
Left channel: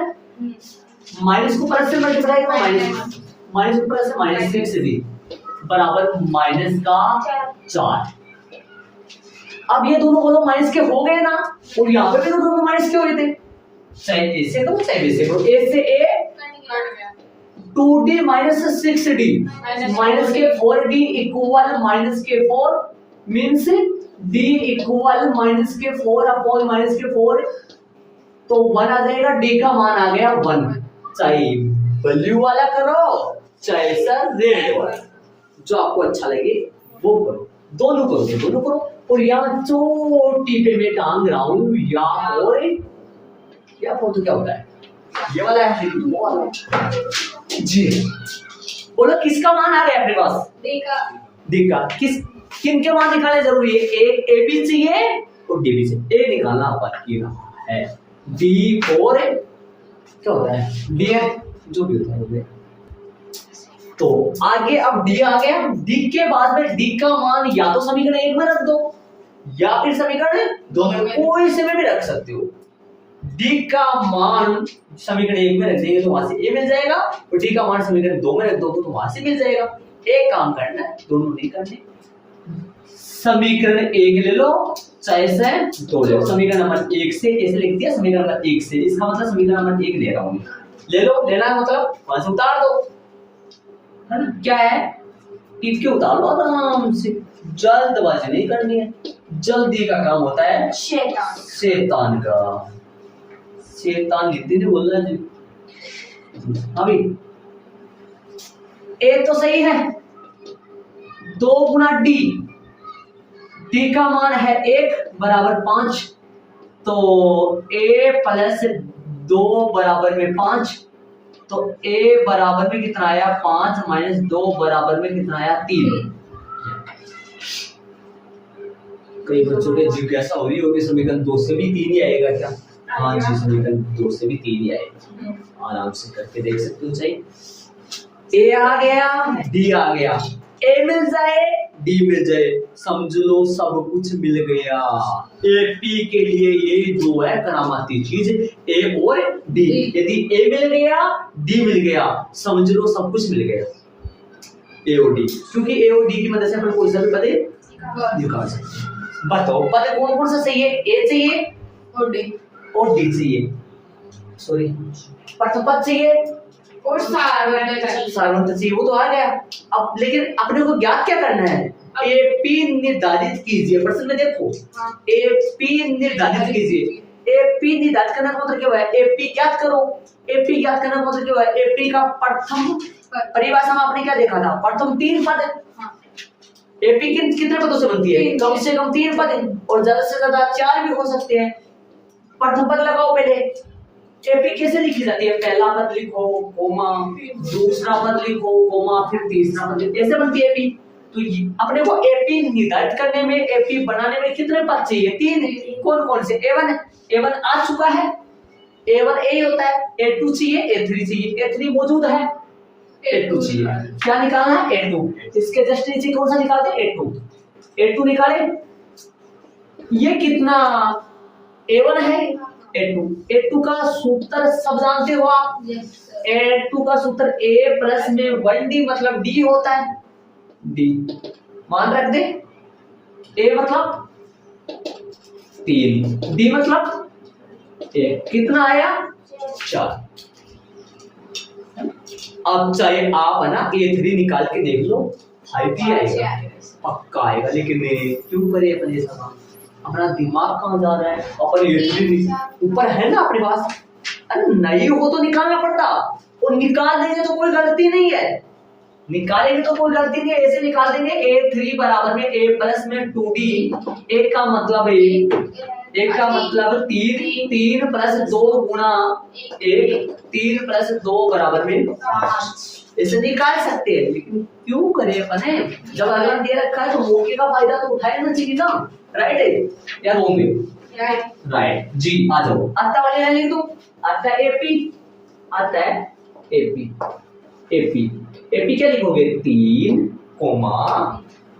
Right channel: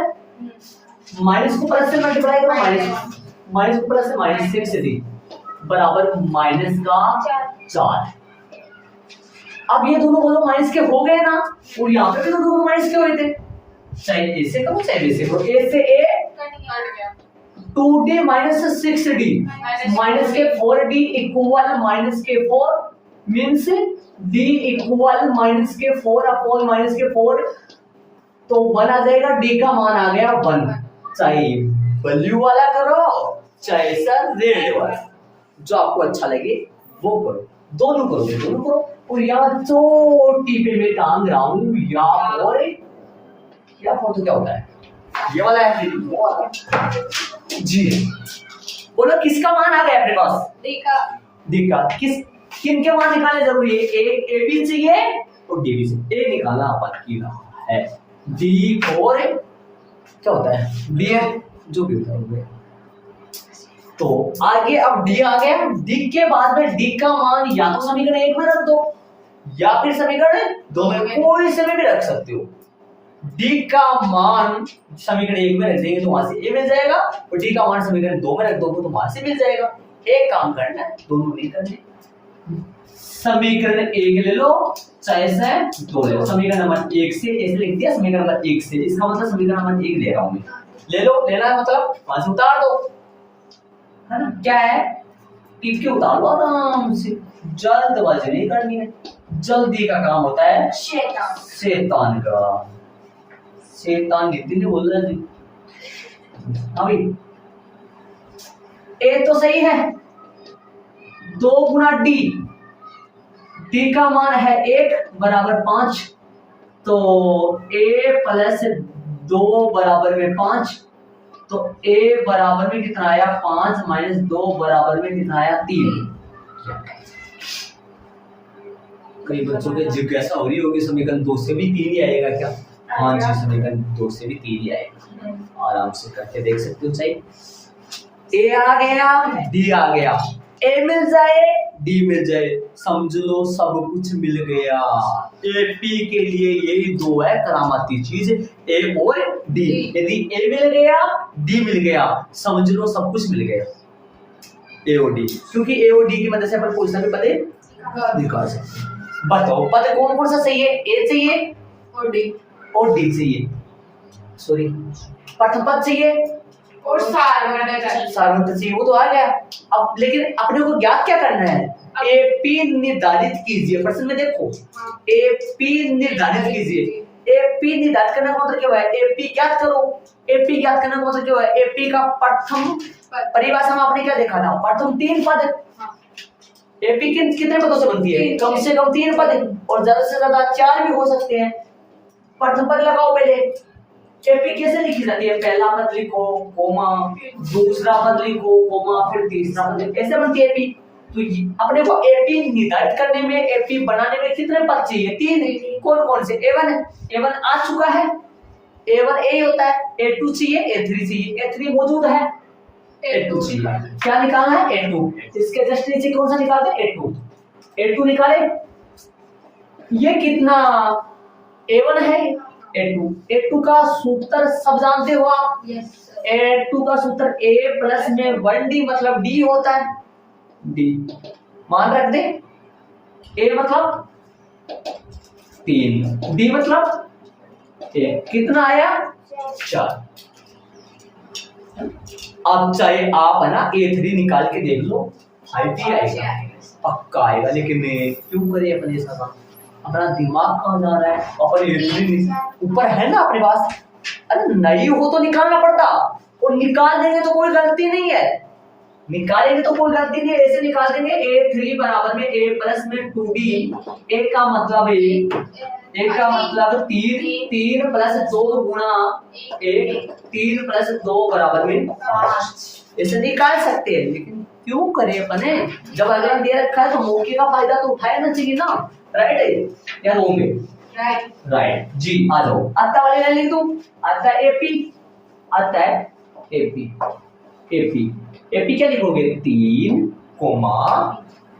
माइनस को प्लस से मल्टीप्लाई करो, माइनस को प्लस से माइनस 6d बराबर माइनस का 4। अब ये दोनों बोलो माइनस के हो गए ना, और यहाँ पे भी दोनों माइनस के हो गए थे, चाहे ऐसे करो चाहे वैसे करो। a से a 2d minus 6d minus के 4d इक्वल माइनस के 4 मींस d इक्वल माइनस के 4 अपॉन माइनस के 4, तो 1 आ जाएगा, d का मान आ गया 1। चाहे ब्लू वाला करो चाहे सर रेड वाला, जो आपको अच्छा लगे वो करो, दोनों करो। और यहाँ चोटी पे मैं टांग रहा हूँ या फोर तो क्या होता है? ये वाला है, वो वाला जी। बोलो किसका मान आ गया अपने पास? d का। किन के मान निकालने जरूरी है? एक a b चाहिए और d b चाहिए। a निकालना बाकी रहा है, d और क्या होता है? d है, जो भी होता है वो। तो आगे अब d आ गया, d के बाद में d का मान या तो समीकरण 1 में रख दो या फिर समीकरण 2 में, कोई से भी रख सकते हो। डी का मान समीकरण 1 में रख देंगे तो वहां से ए मिल जाएगा, और डी का मान समीकरण 2 में रख दोगे तो वहां से मिल जाएगा। एक काम करना है, दोनों नहीं करने। समीकरण 1 ले लो, चाहे से 2 ले लो। समीकरण नंबर 1 से ऐसे लिख दिया, समीकरण नंबर 1 से, इसका मतलब समीकरण नंबर 1 ले रहा हूं मैं। ले लो, लेना है मतलब वहां से उतार दो, है ना। क्या है, टिप के उतार लो आराम से, जल्दबाजी नहीं करनी है। जल्दी का काम होता है शैतान का। शैतान जितनी ने बोल रहा है अभी ए तो सही है, 2 गुना डी, डी का मान है 1 बराबर 5, तो a प्लस 2 बराबर में 5, तो a बराबर में कितना आया 5 माइनस 2 बराबर में कितना आया 3। कई बच्चों के जिज्ञासा हो रही होगी समीकरण 2 से भी 3 ही आएगा क्या? हाँ जी, समीकरण 2 से भी 3 ही आएगा। आराम से करके देख सकते हो। चाहिए a आ गया, d आ गया, a मिल जाए, d मिल जाए, समझ लो सब कुछ मिल गया। AP के लिए यही 2 है करामाती चीज, a और d। यदि a मिल गया, d मिल गया, समझ लो सब कुछ मिल गया, a और d। क्योंकि a और d की मदद से अपन कोई सा भी पद निकाल सकते हैं। बताओ पद कौन कौन सा चाहिए? a चाहिए और d चाहिए, सॉरी प्रथम पद चाहिए और सारवंत चाहिए, वो तो आ गया। अब लेकिन अपने को ज्ञात क्या करना है? AP निर्धारित कीजिए। प्रश्न में देखो, AP निर्धारित कीजिए। AP निर्धारित करने का मतलब क्या है? AP ज्ञात करो। AP ज्ञात करने का मतलब क्या है? AP का प्रथम परिभाषा में आपने क्या देखा था? प्रथम 3 पद। AP कितने पदों से बनती है? कम से कम 3 पद, और ज्यादा से ज्यादा 4 भी हो सकते हैं। प्रथम पद लगाओ पहले। AP कैसे लिखी जाती है? पहला पद लिखो कोमा, दूसरा पद लिखो कोमा, फिर तीसरा पद लिखो, ऐसे बनती है AP। तो अपने को AP निर्धारित करने में, AP बनाने में कितने पद चाहिए? 3। कौन कौन से? A1 आ चुका है, A1 A होता है, A2 चाहिए, A3 चाहिए, A3 मौजूद है, A2 चाहिए। क्या निकालना है? A2। इसके जस्ट नीचे कौन सा निकालते हैं? A2 निकाले। ये कितना A1 है, A2 का सूत्र सब जानते हो आप। A2 का सूत्र A प्लस में 1D मतलब D होता है, D मान रख दे। A मतलब 3, D मतलब 1, कितना आया? 4। अब चाहे आप है ना A3 निकाल के देख लो, 5 ही आएगा, पक्का आएगा। लेकिन क्यों करे अपन ऐसा काम? अपना दिमाग कहाँ जा रहा है? अपन A3 ऊपर है ना अपने पास, अरे नहीं हो तो निकालना पड़ता, और निकाल देंगे तो कोई गलती नहीं है, निकालेंगे तो कोई गलती नहीं है। ऐसे निकाल देंगे A3 बराबर में A प्लस में 2D, A का मतलब 3 प्लस 2 गुणा 1, 3 प्लस 2 बराबर में 5। ऐसे निकाल सकते हैं, लेकिन क्यों करें अपने? जब अगला दे रखा है तो मौके का फायदा तो उठाना चाहिए ना। राइट है या रॉन्ग है? राइट जी। आ जाओ, आता वाले लाइन लिख दो। आता है AP, आता है AP क्या लिखोगे? 3 comma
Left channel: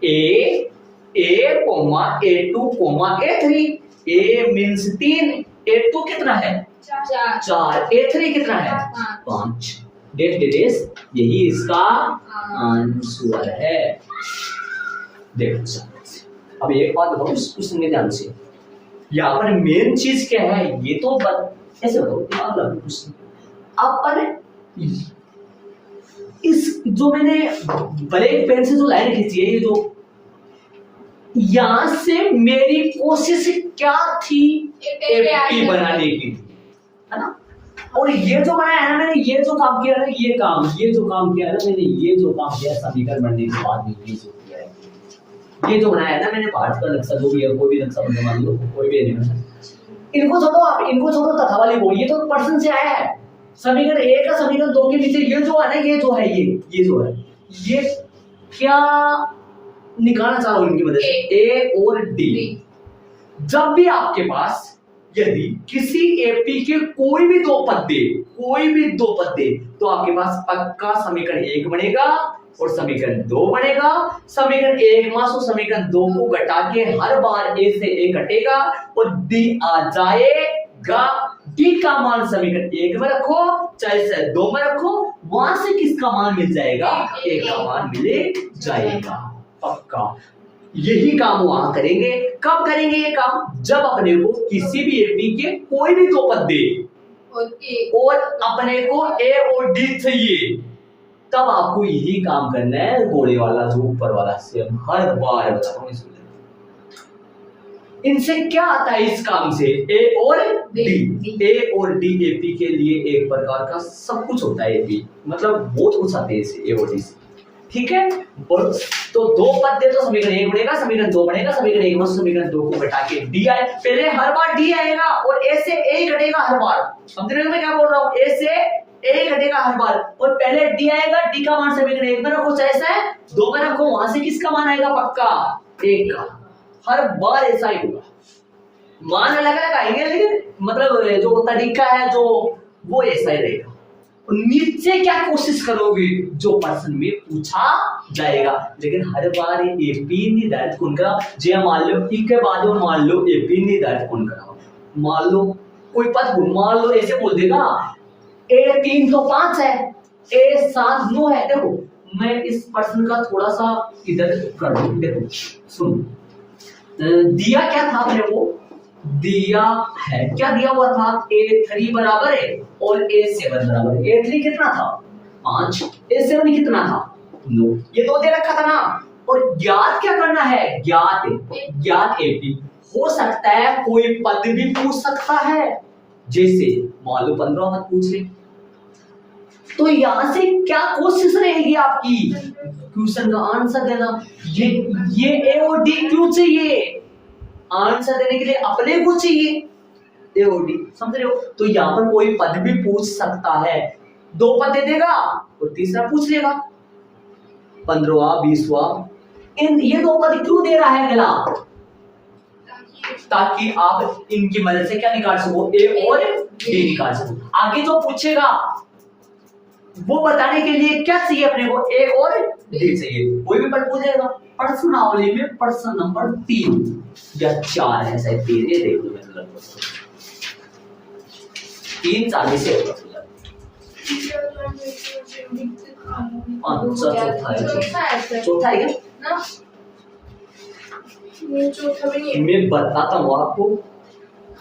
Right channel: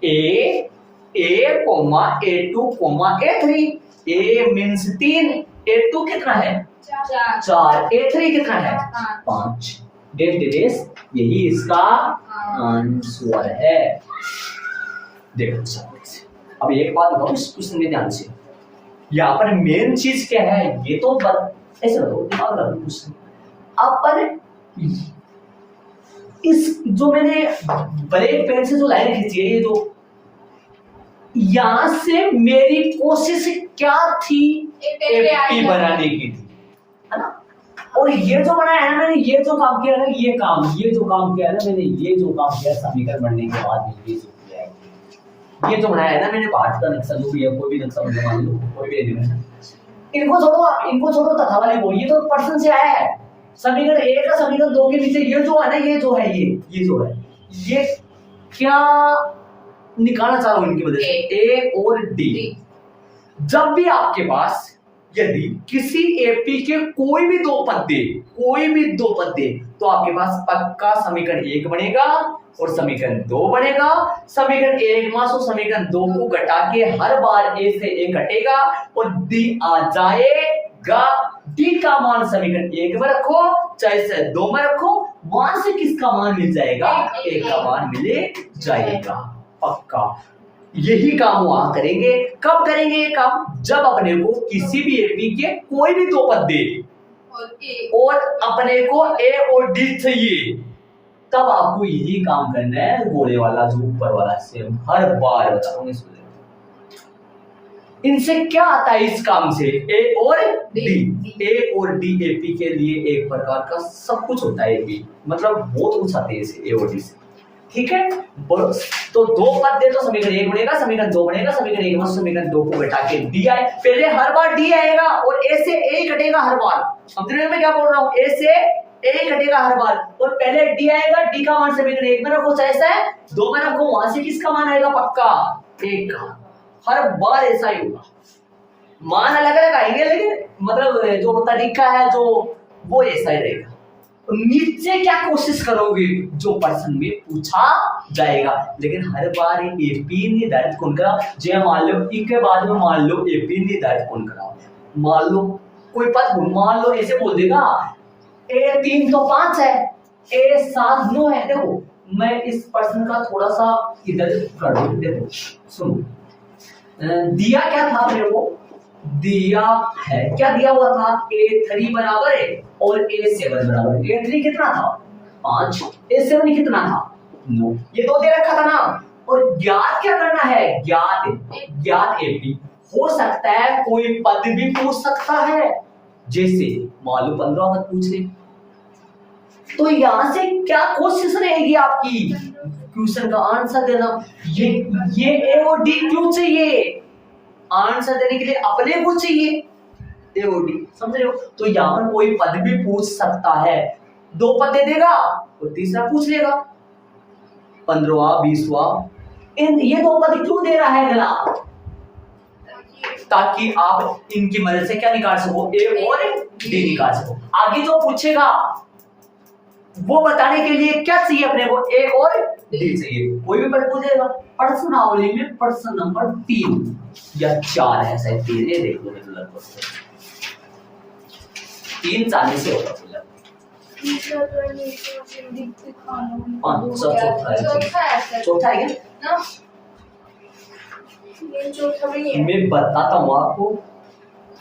A comma A2 comma A3। A means 3, A2 कितना है? 4, A3 कितना है? 5। डेस यही इसका आंसर है। देखो अब एक बात बताओ, सुनने ध्यान से, यहाँ पर मेन चीज क्या है? ये तो ऐसे बताओ, दिमाग लगाओ क्वेश्चन। अपन इस जो मैंने ब्लैक पेन से जो लाइन खींची है, ये जो यहां से मेरी कोशिश क्या थी? AP बनाने की थी, है ना। और ये जो बनाया है ना मैंने, ये जो काम किया ना, ये जो काम किया है ना मैंने, ये जो काम किया समीकरण बनने के बाद में, ये जो किया है, ये जो बनाया है ना मैंने, भारत का नक्शा जो भी है, कोई भी नक्शा बना मान लो, कोई भी एलिमेंट, इनको छोड़ो आप, इनको छोड़ो, तथा वाले बोल, ये तो पर्सन से आया है। समीकरण 1 का समीकरण 2 के नीचे ये जो है ना, ये जो है, ये जो है, ये क्या निकालना चाह रहा हूं इनकी मदद से? A और D। जब भी आपके पास यदि किसी AP के कोई भी 2 पद दे, तो आपके पास पक्का समीकरण 1 बनेगा और समीकरण 2 बनेगा। समीकरण 1 मास और समीकरण 2 को घटा के हर बार A से A घटेगा और D आ जाएगा। डी का मान समीकरण 1 में रखो चाहे 2 में रखो, वहां से किसका मान मिल जाएगा? ए का मान मिल जाएगा पक्का। यही काम वहां करेंगे। कब करेंगे ये काम? जब अपने को किसी भी एपी के कोई भी दो पद दे और अपने को ए और डी चाहिए, तब आपको यही काम करना है, गोले वाला जो ऊपर वाला सेम हर बार बताऊंगा। इनसे क्या आता है इस काम से? ए और डी। ए और डी एपी के लिए एक प्रकार का सब कुछ होता है। एपी मतलब बहुत कुछ आते हैं इसे ए और डी से, ठीक है। तो दो पद दे तो समीकरण 1 बनेगा, समीकरण 2 बनेगा, समीकरण 1 में समीकरण 2 को घटा के डी आए। पहले हर बार डी आएगा और ए से ए घटेगा हर बार। समझ रहे हो मैं क्या बोल रहा हूँ? ए से ए घटेगा हर बार और पहले डी आएगा, डी का मान समीकरण 1 में रखो चाहे ऐसा है 2 में रखो, वहां से किसका मान आएगा? पक्का 1 का। हर बार ऐसा ही होगा। मान अलग अलग आएंगे लेकिन मतलब जो तरीका है जो वो ऐसा ही रहेगा। नीचे क्या कोशिश करोगे? जो प्रश्न में पूछा जाएगा, लेकिन हर बार एपी निर्धारित कौन कराओ? जे मान लो ई के बाद में मान लो एपी निर्धारित कौन कराओ। मान लो कोई पद मान लो ऐसे बोल देगा ए 3 तो 5 है, ए 7 9 है। देखो मैं इस प्रश्न का थोड़ा सा इधर कर दूं। देखो सुनो, दिया क्या था अपने को? दिया है क्या दिया हुआ था? A3 बराबर है और A7 बराबर है। A3 कितना था? 5। A7 कितना था? 9। ये 2 दे रखा था ना। और ज्ञात क्या करना है? ज्ञात एपी। हो सकता है कोई पद भी पूछ सकता है, जैसे मान लो 15 पद पूछ ले, तो यहां से क्या कोशिश रहेगी आपकी? क्वेश्चन का आंसर देना। ये ए और डी क्यों चाहिए? आंसर देने के लिए अपने को चाहिए ए और डी, समझ रहे हो? तो यहाँ पर कोई पद भी पूछ सकता है। 2 पद दे देगा और तीसरा पूछ लेगा 15वां 20वां। ये 2 पद क्यों दे रहा है अगला? ताकि आप इनकी मदद से क्या निकाल सको? ए और डी निकाल सको। आगे जो पूछेगा वो बताने के लिए क्या चाहिए अपने को? ए और डी चाहिए। कोई भी पद पूछेगा। प्रश्नावली में प्रश्न नंबर 3 या 4 है, शायद 3 है, देख लो लगभग 3 से होगा। चौथा है क्या? मैं बताता हूँ आपको।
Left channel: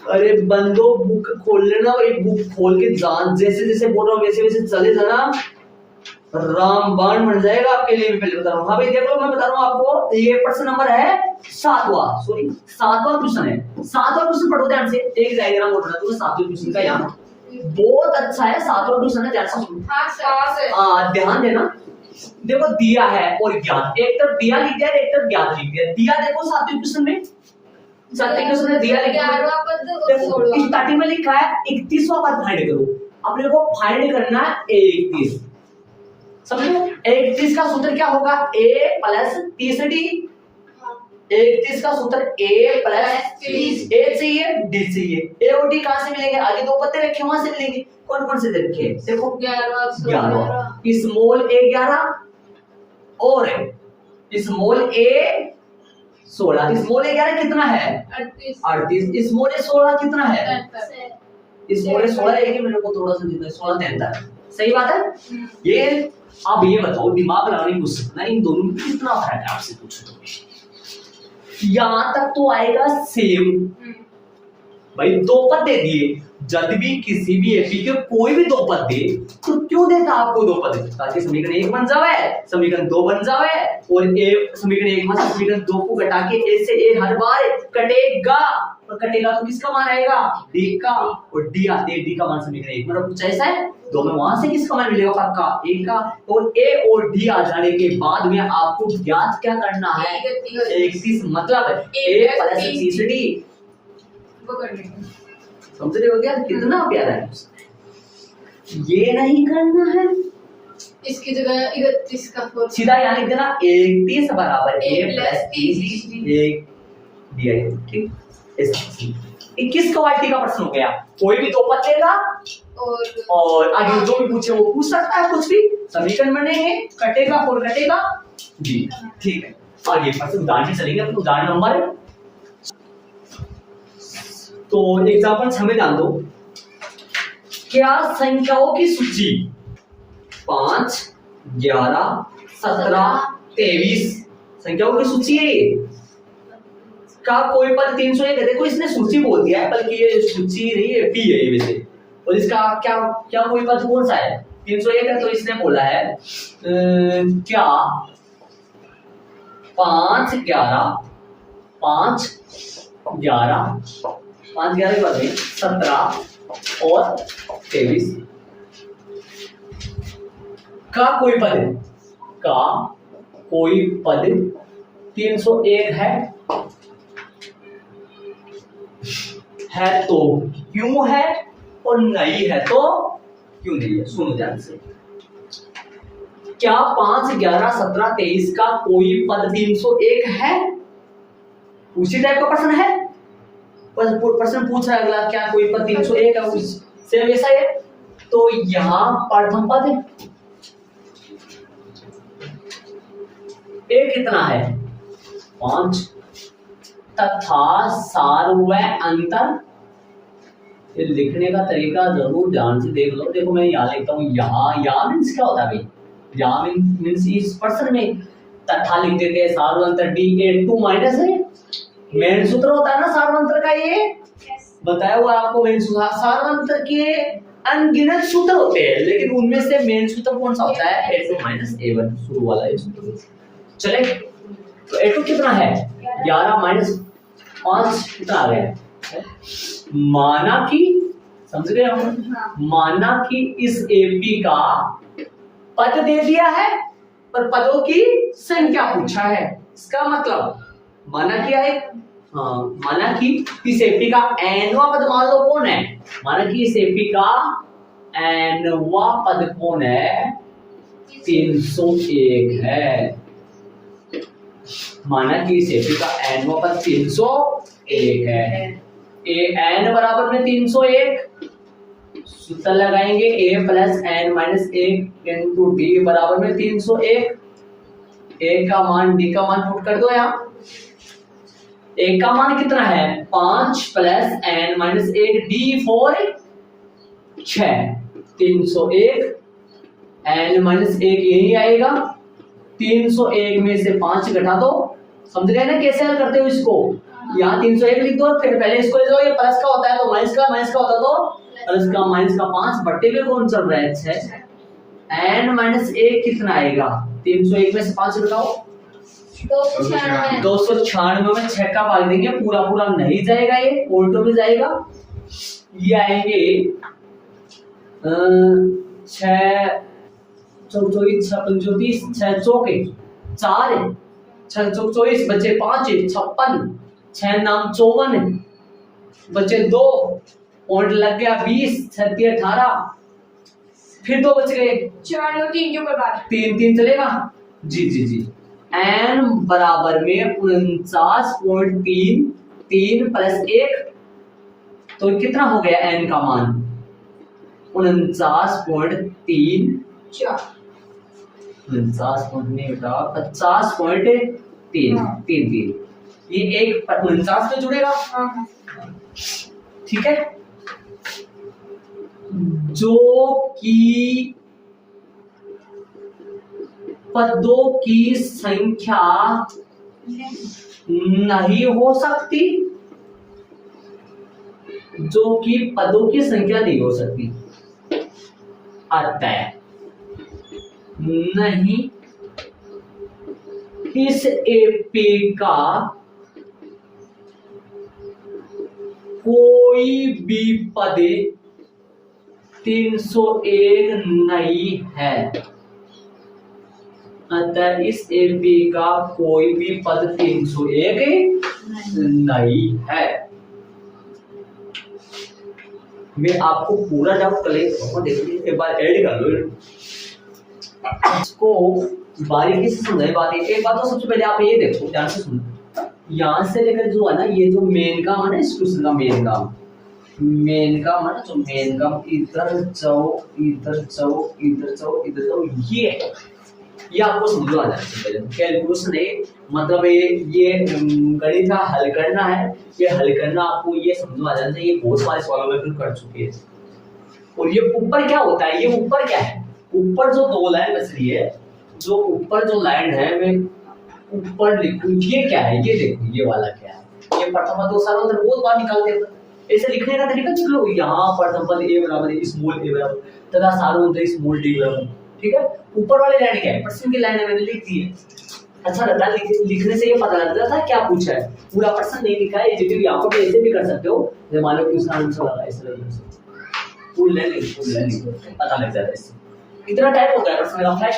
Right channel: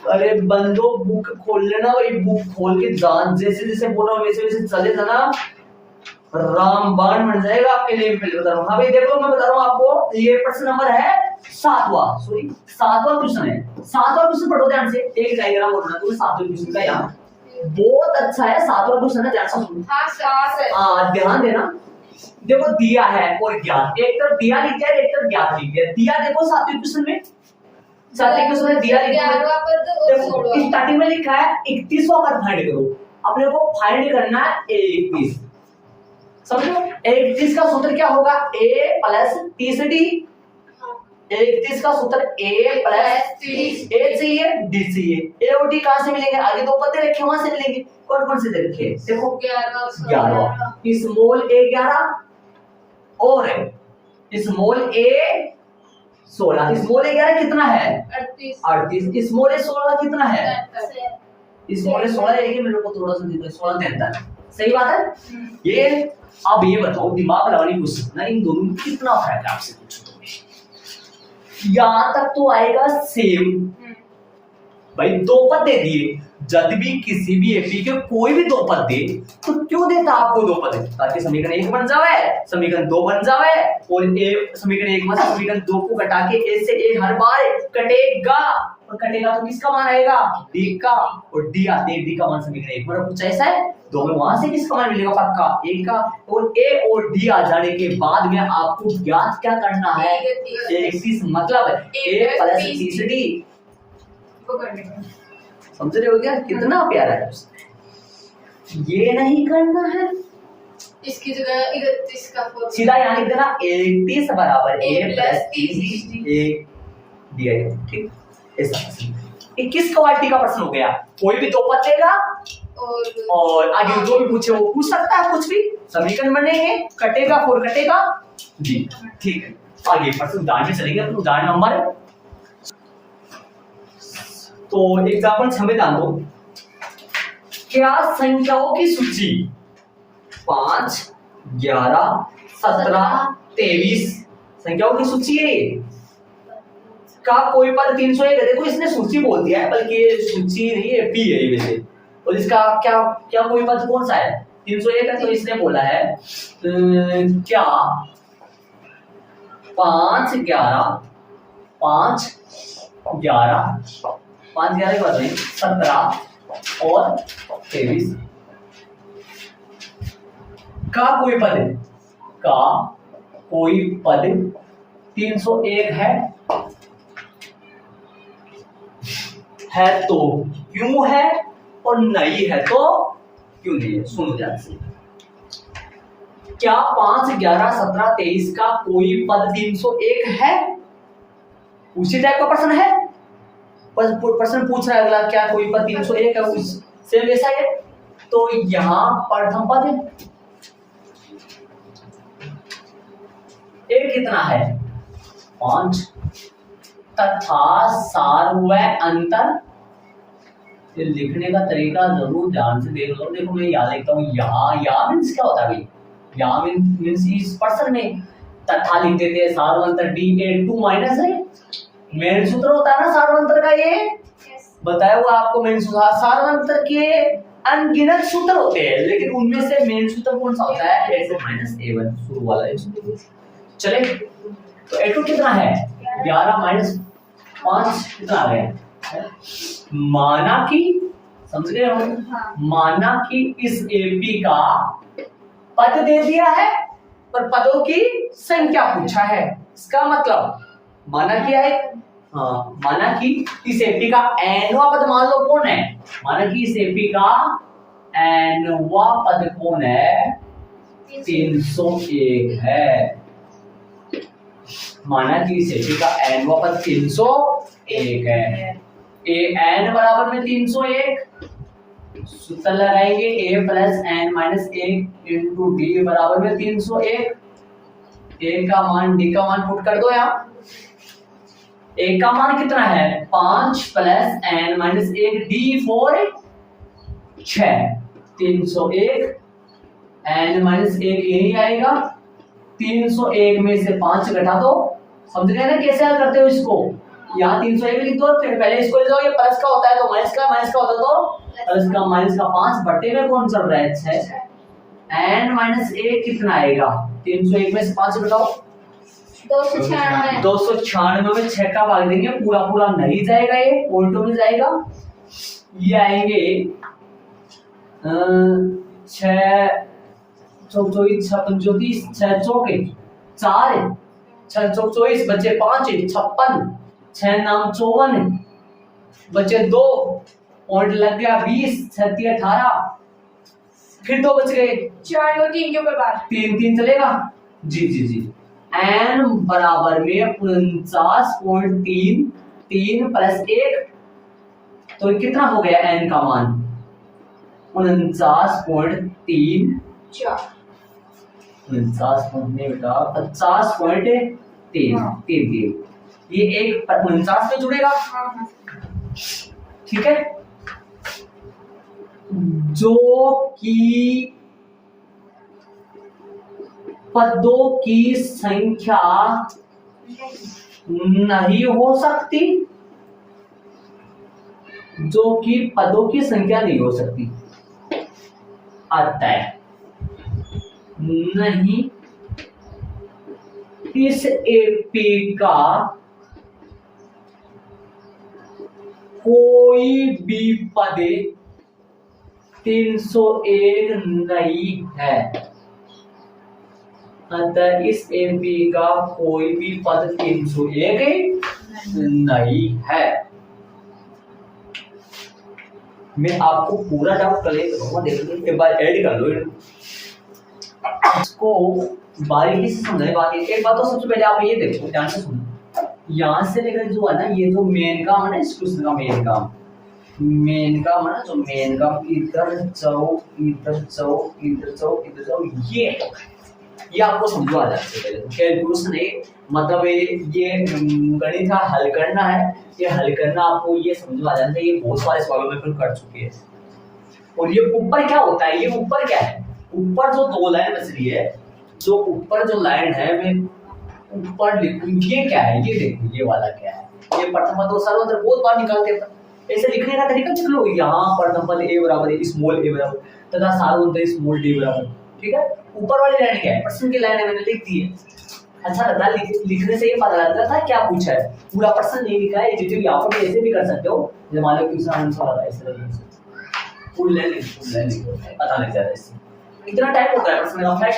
अरे बंदो बुक खोल लेना भाई, बुक खोल के जान जैसे जैसे बोल रहा हूँ वैसे वैसे चले जाना, रामबाण बन जाएगा आपके लिए। पहले बता रहा हूँ। हाँ भाई देख लो, मैं बता रहा हूँ आपको। ये प्रश्न नंबर है 7वां क्वेश्चन है। 7वां क्वेश्चन पढ़ो ध्यान से। एक डायग्राम बोलना तुम्हें 7वें क्वेश्चन का, यहाँ बहुत अच्छा है 7वां क्वेश्चन है, ध्यान से सुनो। हाँ ध्यान देना। देखो दिया है और ज्ञात, एक तरफ दिया लिख दिया एक तरफ ज्ञात लिख दिया। दिया देखो 7वें क्वेश्चन में, 7वें क्वेश्चन में दिया लिखा है। देखो स्टार्टिंग में लिखा है 31वां पद फाइंड करो। अपने को फाइंड करना है 31। समझ लो 31 का सूत्र क्या होगा? a plus 30d। 31 का सूत्र a प्लस 30। a चाहिए डी चाहिए। a और d कहां से मिलेंगे? आगे 2 पत्ते रखे वहां से मिलेंगे। कौन कौन से दे रखे? देखो 11 स्मॉल a 11 और स्मॉल a 16। स्मॉल a 11 कितना है? 38। स्मॉल a 16 कितना है? स्मॉल a 16 है कि मेरे को थोड़ा सा देता है 16 73। सही बात है। ये अब ये बताओ, दिमाग लगाने की कोशिश करना, इन दोनों में कितना फर्क है आपसे पूछो तो। यहां तक तो आएगा सेम भाई। 2 पद दे दिए, जब भी किसी भी एपी के कोई भी 2 पद दे तो क्यों देता आपको 2 पद? ताकि समीकरण 1 बन जावे, समीकरण 2 बन जावे और ए समीकरण 1 में समीकरण 2 को घटा के ए से ए हर बार कटेगा, और कटेगा तो किसका मान आएगा? डी का। और डी आते डी का मान समीकरण 1 में कुछ ऐसा है 2 में, वहां से किसका मान मिलेगा? पक्का ए का। और ए और डी आ जाने के बाद में आपको ज्ञात क्या करना है? 31 मतलब a प्लस 30d वो करने का। समझ रहे हो क्या कितना प्यारा है? ये नहीं करना है, इसकी जगह 31 का सीधा यहाँ लिख देना 31 बराबर a प्लस 30 दिया है। ठीक, ऐसा 21 क्वालिटी का प्रश्न हो गया। कोई भी 2 पद देगा और आगे जो भी पूछे वो पूछ सकता है कुछ भी। समीकरण बनेंगे, कटेगा और कटेगा जी। ठीक है, आगे प्रश्न उदाहरण में चलेंगे। तो उदाहरण नंबर तो एग्जांपल 6 में डाल दो। क्या संख्याओं की सूची 5, 11, 17, 23 संख्याओं की सूची है ये का कोई पद 301 है। देखो इसने सूची बोल दिया है, बल्कि ये सूची नहीं है, पी है ये वैसे। और इसका क्या क्या कोई पद कौन सा है 301 है, तो इसने बोला है क्या 5, 11, 5, 11, 5, 11 के बाद 17 और 23 का कोई पद का कोई पद 301 है तो क्यों है और नहीं है तो क्यों नहीं है। सुनो ध्यान से, क्या 5, 11, 17, 23 का कोई पद 301 है? उसी टाइप का प्रश्न है, प्रश्न पूछ रहा है अगला, क्या कोई पद 301 है? सेम ऐसा है। तो यहां प्रथम पद एक कितना है 5 तथा सार व अंतर। ये लिखने का तरीका जरूर ध्यान से देख लो। देखो मैं यहाँ लिखता हूँ, या मीन्स क्या होता है भाई, या मीन्स इस पर्सन में तथा लिख देते हैं, सार व अंतर D8 माइनस है, मेन सूत्र होता है ना सार व अंतर का। ये बताया हुआ आपको मेन सूत्र। सार व अंतर के अनगिनत सूत्र होते हैं, लेकिन उनमें से मेन सूत्र कौन सा होता है A2 माइनस A1 शुरू वाला एक सूत्र। चले तो A2 कितना है 11 माइनस 5 कितना आ गया। माना कि समझ रहे हो, माना कि इस एपी का पद दे दिया है पर पदों की संख्या पूछा है। इसका मतलब माना क्या है, माना कि इस एपी का एनवा पद मान लो कौन है, माना कि इस एपी का एनवा पद कौन है 301 है। माना कि इस एपी का एनवा पद 301 है। एन बराबर में 301 सूत्र लगाएंगे, A plus N minus 1 into D बराबर में 301। ए का मान डी का मान पुट कर दो यहाँ। ए का मान कितना है 5 plus N minus 1 D 4 6 301 N minus 1 यही आएगा। 301 में से 5 घटा दो। समझ गए ना कैसे हल करते हो इसको। यहाँ 301 लिख दो, फिर पहले इसको ले जाओ, ये प्लस का होता है तो माइनस का होता तो प्लस का, माइनस का 5 बट्टे में कौन चल रहा है 6। एन माइनस 1 कितना आएगा 301 में से 5 घटाओ 296 में 6 का भाग देंगे, पूरा पूरा नहीं जाएगा, ये उल्टो में जाएगा। ये आएंगे 6 24 6 35 6 चौके 4 6 24 बचे 5 56 6 नाम 54 बचे 2 पॉइंट लग गया 20 36 18 फिर 2 बच गए 4 और 3 के ऊपर बार 3 चलेगा जी जी जी। n बराबर में 49.3 3 प्लस 1 तो कितना हो गया n का मान 49.3 50.3 ये एक 49 में जुड़ेगा। ठीक है, जो कि पदों की संख्या नहीं हो सकती, जो कि पदों की संख्या नहीं हो सकती, अतः नहीं इस एपी का कोई भी पद 301 नहीं है। अतः इस एपी का कोई भी पद 301 नहीं है। मैं आपको पूरा डाउट कलेक्ट करूंगा, देखिए एक बार ऐड कर लो इसको, बारीकी से समझाई बात। एक बात तो सबसे पहले आप ये देखो, ध्यान से सुनो, यहाँ से लेकर जो है ना, ये जो मेन काम है ना इस क्वेश्चन का, मेन काम है ना, जो मेन काम इधर जाओ इधर जाओ इधर जाओ इधर जाओ, ये आपको समझो आ जाए। पहले कैलकुलेशन है, मतलब ये गणित का हल करना है, ये हल करना आपको ये समझो आ जाना चाहिए। बहुत सारे सवालों में फिर कर चुके हैं। और ये ऊपर क्या होता है, ये ऊपर क्या है, ऊपर जो दो लाइन बच रही है, जो ऊपर जो लाइन है मैं ऊपर लिखूं, ये क्या है, ये देखो ये वाला क्या है, ये प्रथम दो सार्वंतर बहुत बार निकालते हैं, ऐसे लिखने का तरीका देख लो, यहाँ प्रथम पद a बराबर है स्मॉल a बराबर तथा सार्वंतर स्मॉल d बराबर, ठीक है। ऊपर वाली लाइन क्या है, प्रश्न की लाइन है, मैंने लिख दी है। अच्छा लगता है लिखने से ये पता लगता था क्या पूछा है, पूरा प्रश्न नहीं लिखा है, एडिटिव यहाँ पर ऐसे भी कर सकते हो, जब मान लो कि उसका आंसर लगा ऐसे लगे फुल लाइन लिखो, पता लग जाता है इससे। इतना टाइप हो गया प्रश्न का फ्लैश,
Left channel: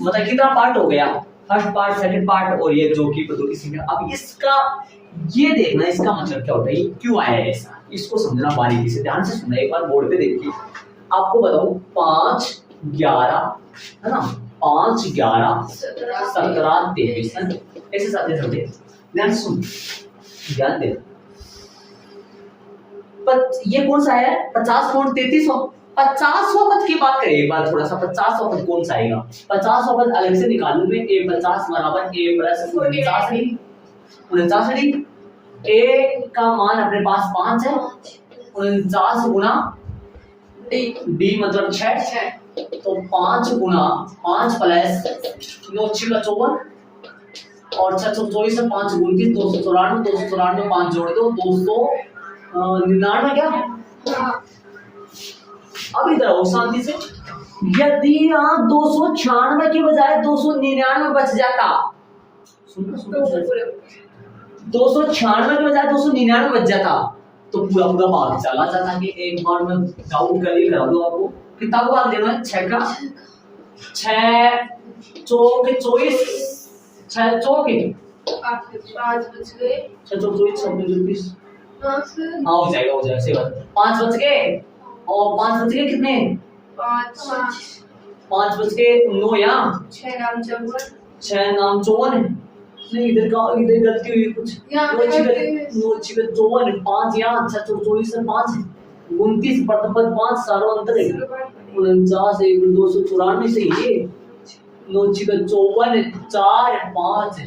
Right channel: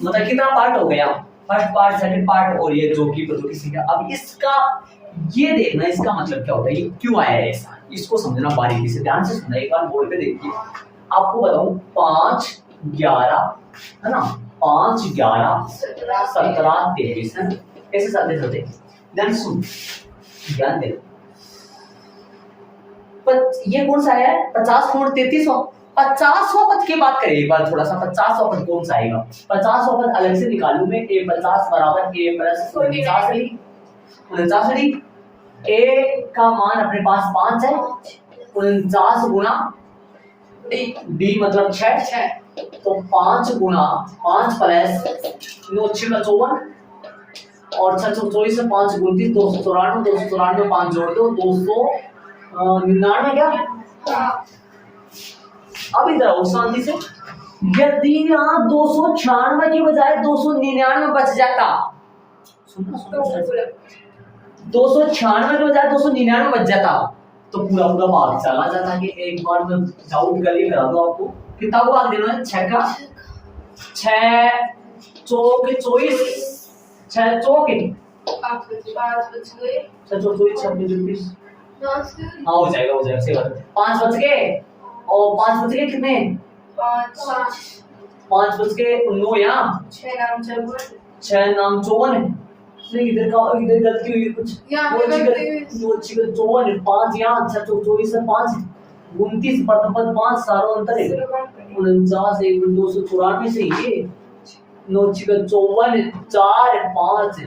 मतलब कितना पार्ट हो गया, फर्स्ट पार्ट, सेकंड पार्ट और ये जो की पद्धति सीखा। अब इसका ये देखना इसका मतलब क्या होता है, ये क्यों आया है ऐसा, इसको समझना बारीकी से, ध्यान से सुनना, एक बार बोर्ड पे देखिए। आपको बताऊं 5 11 है ना, 5 11 17 23 है, ऐसे साथ होते, ध्यान सुन, ध्यान दे। ये कौन सा है 50 33 50वां पद की बात करें एक बार थोड़ा सा, 50वां पद कौन सा आएगा, 50वां पद अलग से निकालूं मैं, a 50 बराबर a प्लस 49 a का मान अपने पास 5 है, 49 गुना d मतलब 6, तो 5 गुना 5 प्लस 9 6 का 54 और 6 24 से 5 29 294 294 5 जोड़ दो 299 क्या। अब इधर आओ शांति से, यदि यहाँ 296 के बजाय 299 बच जाता, सुनना 296 के बजाय 299 बच जाता तो पूरा पूरा भाग चला जाता। कि एक बार मैं डाउट करके करा दूं आपको, कितना को भाग देना है 6 का 6 चौक 24 6 चौक 5 बच गए, 6 चौक 24 26 हाँ हो जाएगा सही बात। 5 बच गए और 5 बच गए कितने 5 बच गए 9 यहाँ 6 नाम 54 इधर गलती हुई कुछ, 54 5 यहाँ 6 24 से 5 29 प्रथम पद 5 सार्वंतर 49 294 से ये 9 54 4 5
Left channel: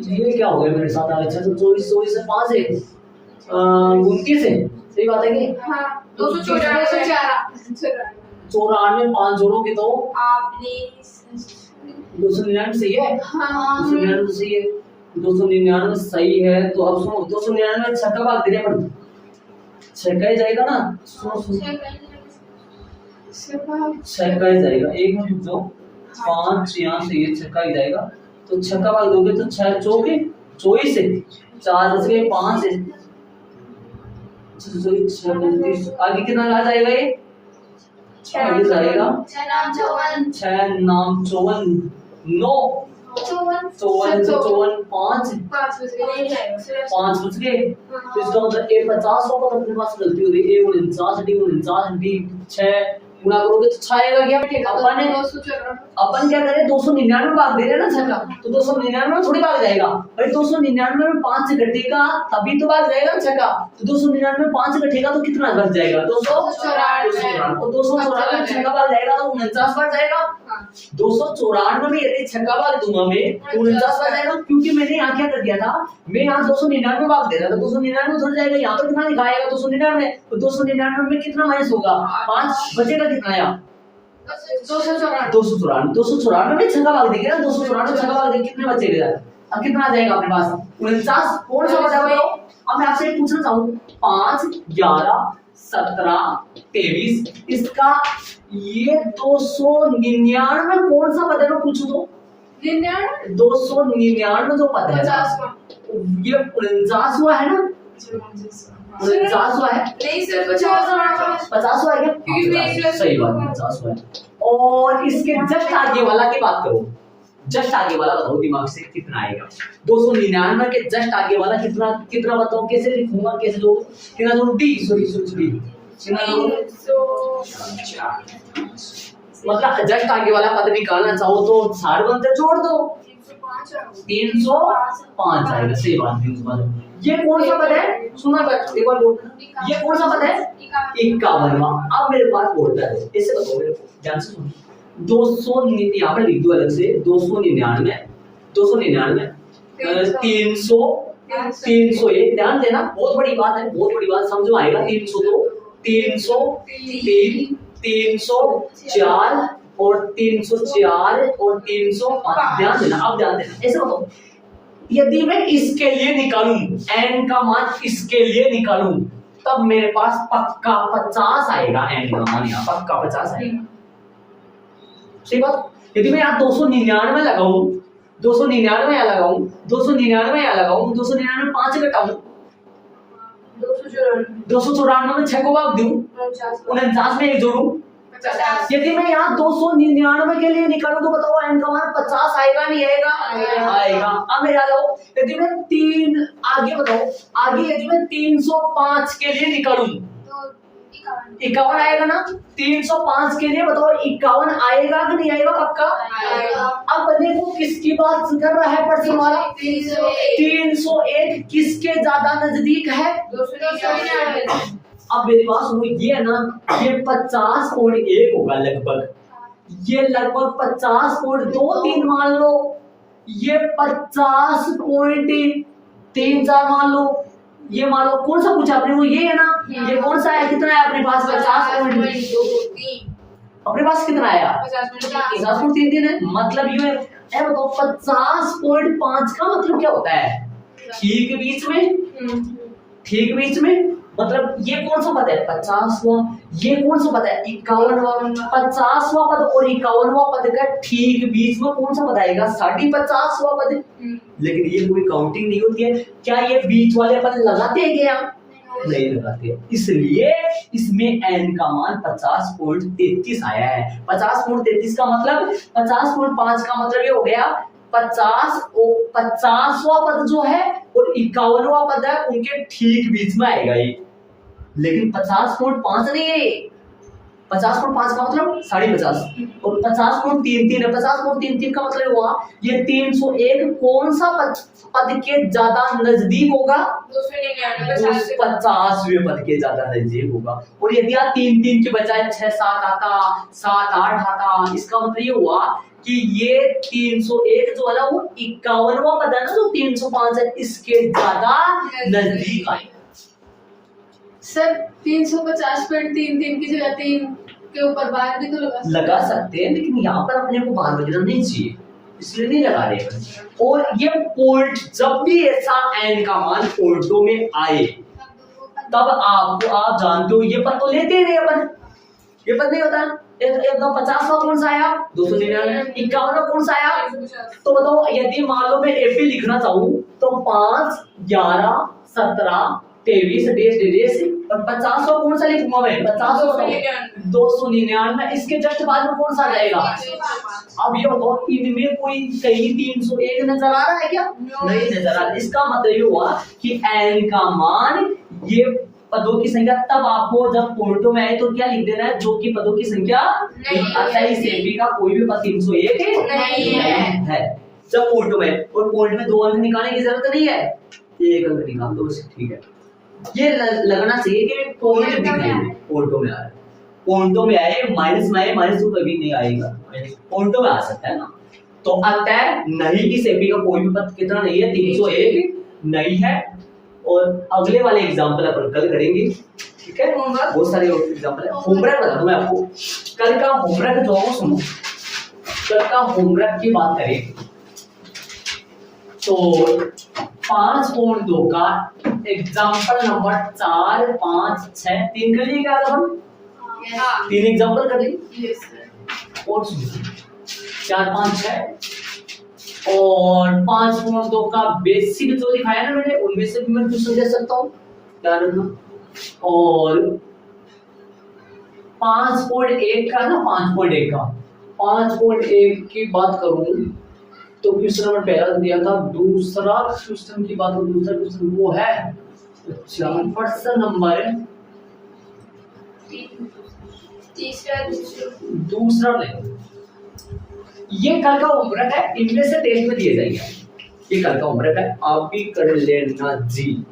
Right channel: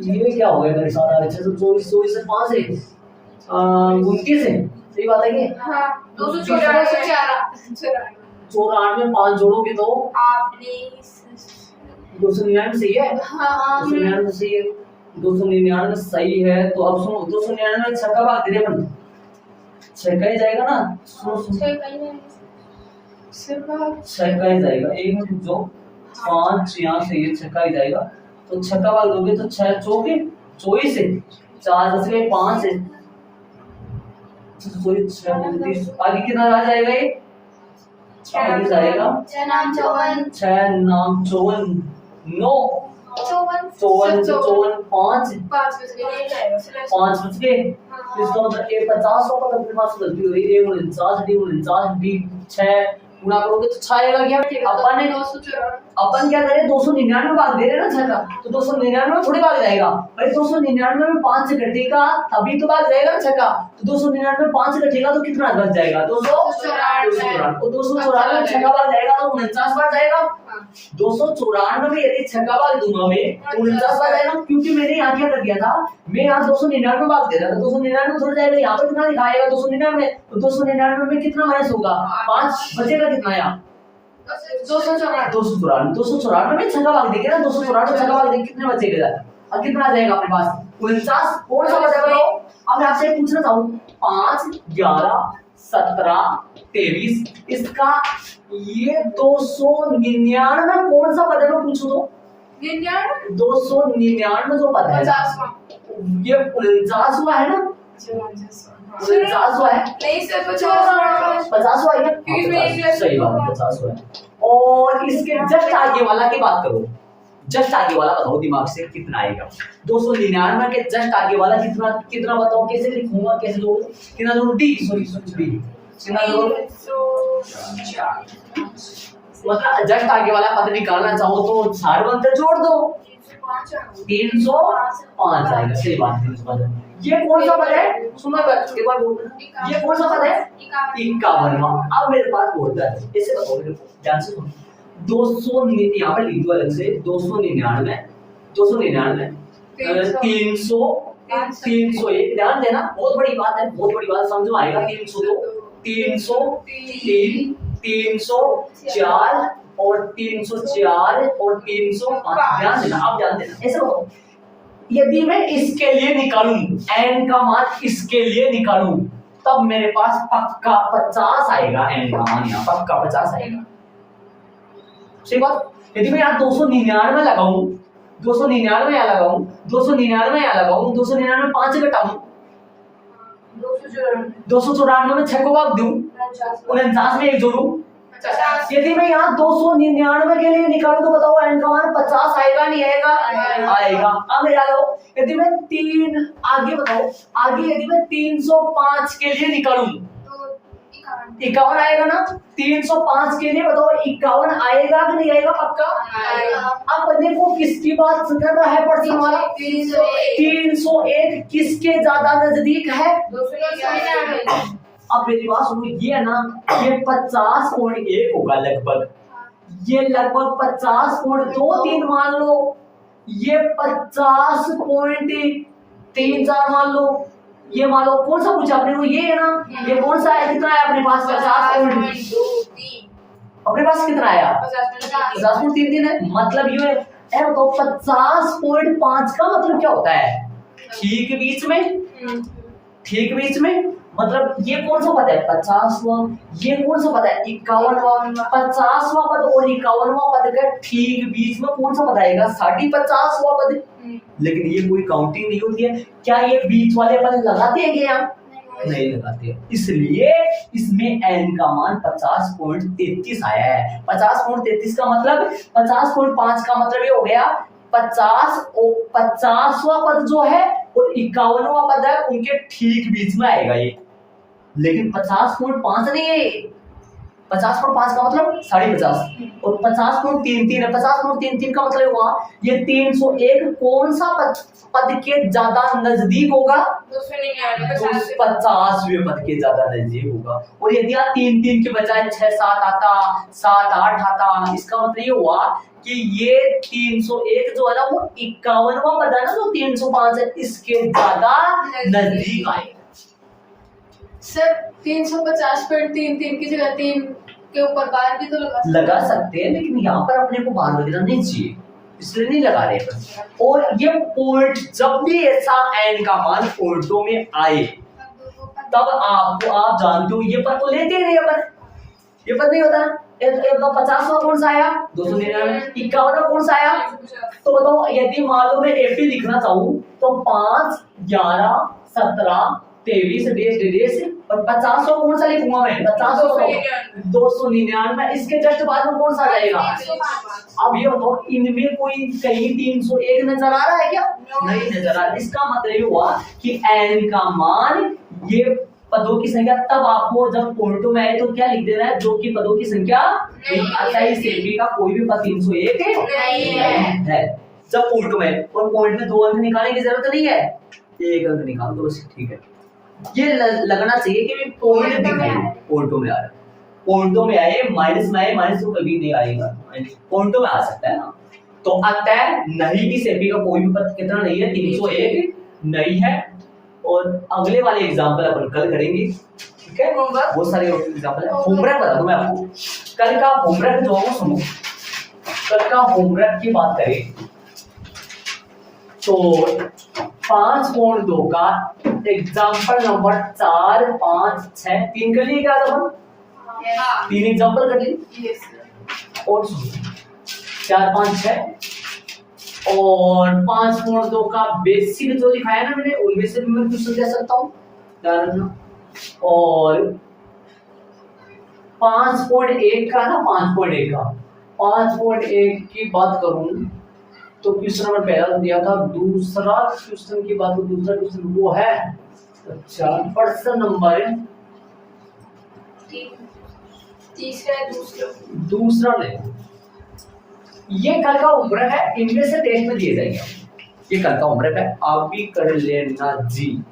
ये क्या हो गया मेरे साथ, अच्छा तो 24 से 5 है 29 है, सही बात है कि हाँ 294 5 जोड़ोगे तो आपने 299 सही है, हाँ 299 सही है, 299 सही है। तो अब सुनो 299 6 का भाग दे रहे अपन, 6 का ही जाएगा ना, सुनो 6 का ही जाएगा, एक मिनट रुक जाओ, 5 यहाँ से ये 6 का ही जाएगा, तो 6 का भाग दोगे तो 6 चौके 24 है, 4 बच गए 5 है, आगे कितना आ जाएगा ये, आगे जाएगा 6 नाम 54 6 नाम 54 9 54 5 बच गए, तो इसका मतलब ए 50 का पद अपने पास गलती हो रही है, ए 49 डी 6 गुणा करोगे तो 6 आएगा क्या, अपन क्या करें 299 भाग दे रहे हैं ना 6 का, तो 299 में थोड़ी भाग जाएगा भाई, 299 में 5 से घटेगा तभी तो भाग जाएगा 6 का, तो 299 में 5 से घटेगा तो कितना बच जाएगा 294, और 294 में 6 का भाग जाएगा तो 49 बार जाएगा, 294 में यदि 6 का भाग दूंगा मैं तो 49 बार जाएगा, क्योंकि मैंने यहाँ क्या कर दिया था, मैं यहाँ 299 भाग दे रहा था, 299 थोड़ा जाएगा, यहाँ पर कितना लिखाएगा 299, तो 299 में कितना माइनस होगा 5 बचेगा कितना यहाँ 294 में 6 का भाग देंगे ना, 294 6 का भाग देंगे कितने बचेगा, अब कितना आ जाएगा अपने पास 49, कौन सा बचा बताओ। अब मैं आपसे पूछना चाहूँ 5 11 17 23 इसका ये 299 कौन सा पद है, मैं पूछूं तो 299 जो पद है ये 49वां है ना, 49वां है नहीं सर 50वां है क्या, सही बात है 50वां है। और इसके जस्ट आगे वाला की बात करो, जस्ट आगे वाला बताओ दिमाग से कितना आएगा, 299 के जस्ट आगे वाला कितना कितना बताओ, कैसे लिखूंगा, कैसे लोग कितना जोड़ डी सॉरी कितना जोड़, मतलब जस्ट आगे वाला पद निकालना चाहो तो सार्वंतर जोड़ दो 305 आएगा, सही बात 305। ये कौन सा पद है, सुनो एक बार बोल, ये कौन सा पद है 51वां। अब मेरे पास बोलता है ऐसे बताओ मेरे को ध्यान से सुनो, 200 यहाँ पे लिख दो अलग से 299 300 301, ध्यान देना बहुत बड़ी बात है, बहुत बड़ी बात समझ में आएगा, 302 303, 304 और 304 और 305। ध्यान देना, आप ध्यान देना। ऐसे बताओ, यदि मैं इसके लिए निकालूं, n का मान इसके लिए निकालूं, तब मेरे पास पक्का 50 आएगा। n का मान यहाँ पक्का 50 आएगा। सही बात। यदि मैं यहाँ 299 लगाऊं, 299 यहाँ लगाऊं, 299 यहाँ लगाऊं, 299 5 से घटाऊं, 294 में 6 को भाग दूं, 49 में 1 जोड़ूं, यदि मैं यहाँ 299 के लिए निकालूं तो बताओ n का मान 50 आएगा नहीं आएगा? आएगा। अब मेरा लो, यदि मैं आगे बताओ, आगे यदि मैं 305 के लिए निकालूं 51 आएगा ना? 305 के लिए बताओ 51 आएगा कि नहीं आएगा? पक्का आएगा। अब बंदे को किसकी बात कर रहा है पर्सन वाला? 301 किसके ज्यादा नजदीक है? 299। अब मेरी बात सुनो, ये है ना, ये 50.1 होगा लगभग, ये लगभग 50.23 मान लो, ये 50.34 मान लो, ये मान लो। कौन सा पूछा आपने? वो ये है ना, ये कौन सा है? कितना है अपने पास? 50.23। अपने पास कितना आया? 50.33 है। मतलब ये है, बताओ 50.5 का मतलब क्या होता है? ठीक बीच में, ठीक बीच में। मतलब ये कौन सा पद है? 50वां। ये कौन सा पद है? 51वां। 50वां पद और 51वां पद का ठीक बीच में कौन सा पद आएगा? 50वां पद। लेकिन ये कोई काउंटिंग नहीं होती है। क्या ये बीच वाले पद लगाते हैं क्या? नहीं लगाते। इसलिए इसमें n का मान 50.33 आया है। 50.33 का मतलब 50.5 का मतलब ये हो गया 50वां पद जो है और 51वां पद है, उनके ठीक बीच में आएगा ये। लेकिन 50.5 नहीं है, 50.5 का मतलब 50.5 और 50.33 है। 50.33 का मतलब हुआ ये 301 कौन सा पद के ज्यादा नजदीक होगा? 50वें पद के ज्यादा नजदीक होगा। और यदि आप 3 के बजाय 6 7 आता, 7 8 आता, इसका मतलब ये हुआ कि ये 301 जो है ना, वो 51वां पद है ना, जो 305 है, इसके ज्यादा नजदीक आएगा। सर 350.33 की जगह 3 के ऊपर बार भी तो लगा सकते हैं, लेकिन यहाँ पर अपने को बार वगैरह नहीं चाहिए, इसलिए नहीं लगा रहे। और ये पोल्ट, जब भी ऐसा n का मान पोल्टों में आए, तब आप जानते हो ये पद तो लेते ही नहीं अपन, ये पद नहीं होता। एक 50वां कौन सा आया? 299। 51वां कौन सा आया? तो बताओ, यदि मान लो मैं एपी लिखना चाहूँ तो 5 11 17 23 डेस और 50वां कौन सा लिखूंगा मैं? 50 299। इसके जस्ट बाद में कौन सा आ जाएगा? अब ये बताओ, इनमें कोई कहीं 301 नजर आ रहा है क्या? नहीं नजर आ रहा। इसका मतलब ये हुआ कि n का मान, ये पदों की संख्या, तब आपको जब पोल्टो में आए तो क्या लिख देना है? जो कि पदों की संख्या 28 एपी का कोई भी पद 301 नहीं है जब पोल्टो में। और पोल्ट में 2 अंक निकालने की जरूरत नहीं है, 1 अंक निकाल दो, ठीक है। ये लगना चाहिए कि पोल्ट दिखाई पोल्टो में आ रहा है। पोल्टो में आए, माइनस में आए, माइनस तो कभी नहीं आएगा, पोल्टो में आ सकता है ना। तो अतः नहीं, इस एपी का कोई भी पद कितना नहीं है? 301 नहीं है। और अगले वाले एग्जांपल अपन कल करेंगे, ठीक है। बहुत सारे एग्जांपल है। होमवर्क बता दूं मैं आपको, कल का होमवर्क जो है सुनो, कल का होमवर्क की बात करें तो 5.2 का एग्जांपल नंबर 4 5 6 3 कर लिए क्या अपन? 3 एग्जांपल कर लिए। और 4 5 6 और 5.2 का बेसिक जो लिखाया ना मैंने, उनमें से भी मैं क्वेश्चन दे सकता हूँ, ध्यान रखना। और 5.1 का ना, 5.1 की बात करूं तो क्वेश्चन नंबर पहला दिया था। दूसरा क्वेश्चन की बात, दूसरा क्वेश्चन वो है, अच्छा प्रश्न नंबर दूसरा नहीं, ये कल का होमवर्क है, इनमें से टेस्ट में दिए जाएंगे। ये कल का होमवर्क है, आप भी कर लेना जी।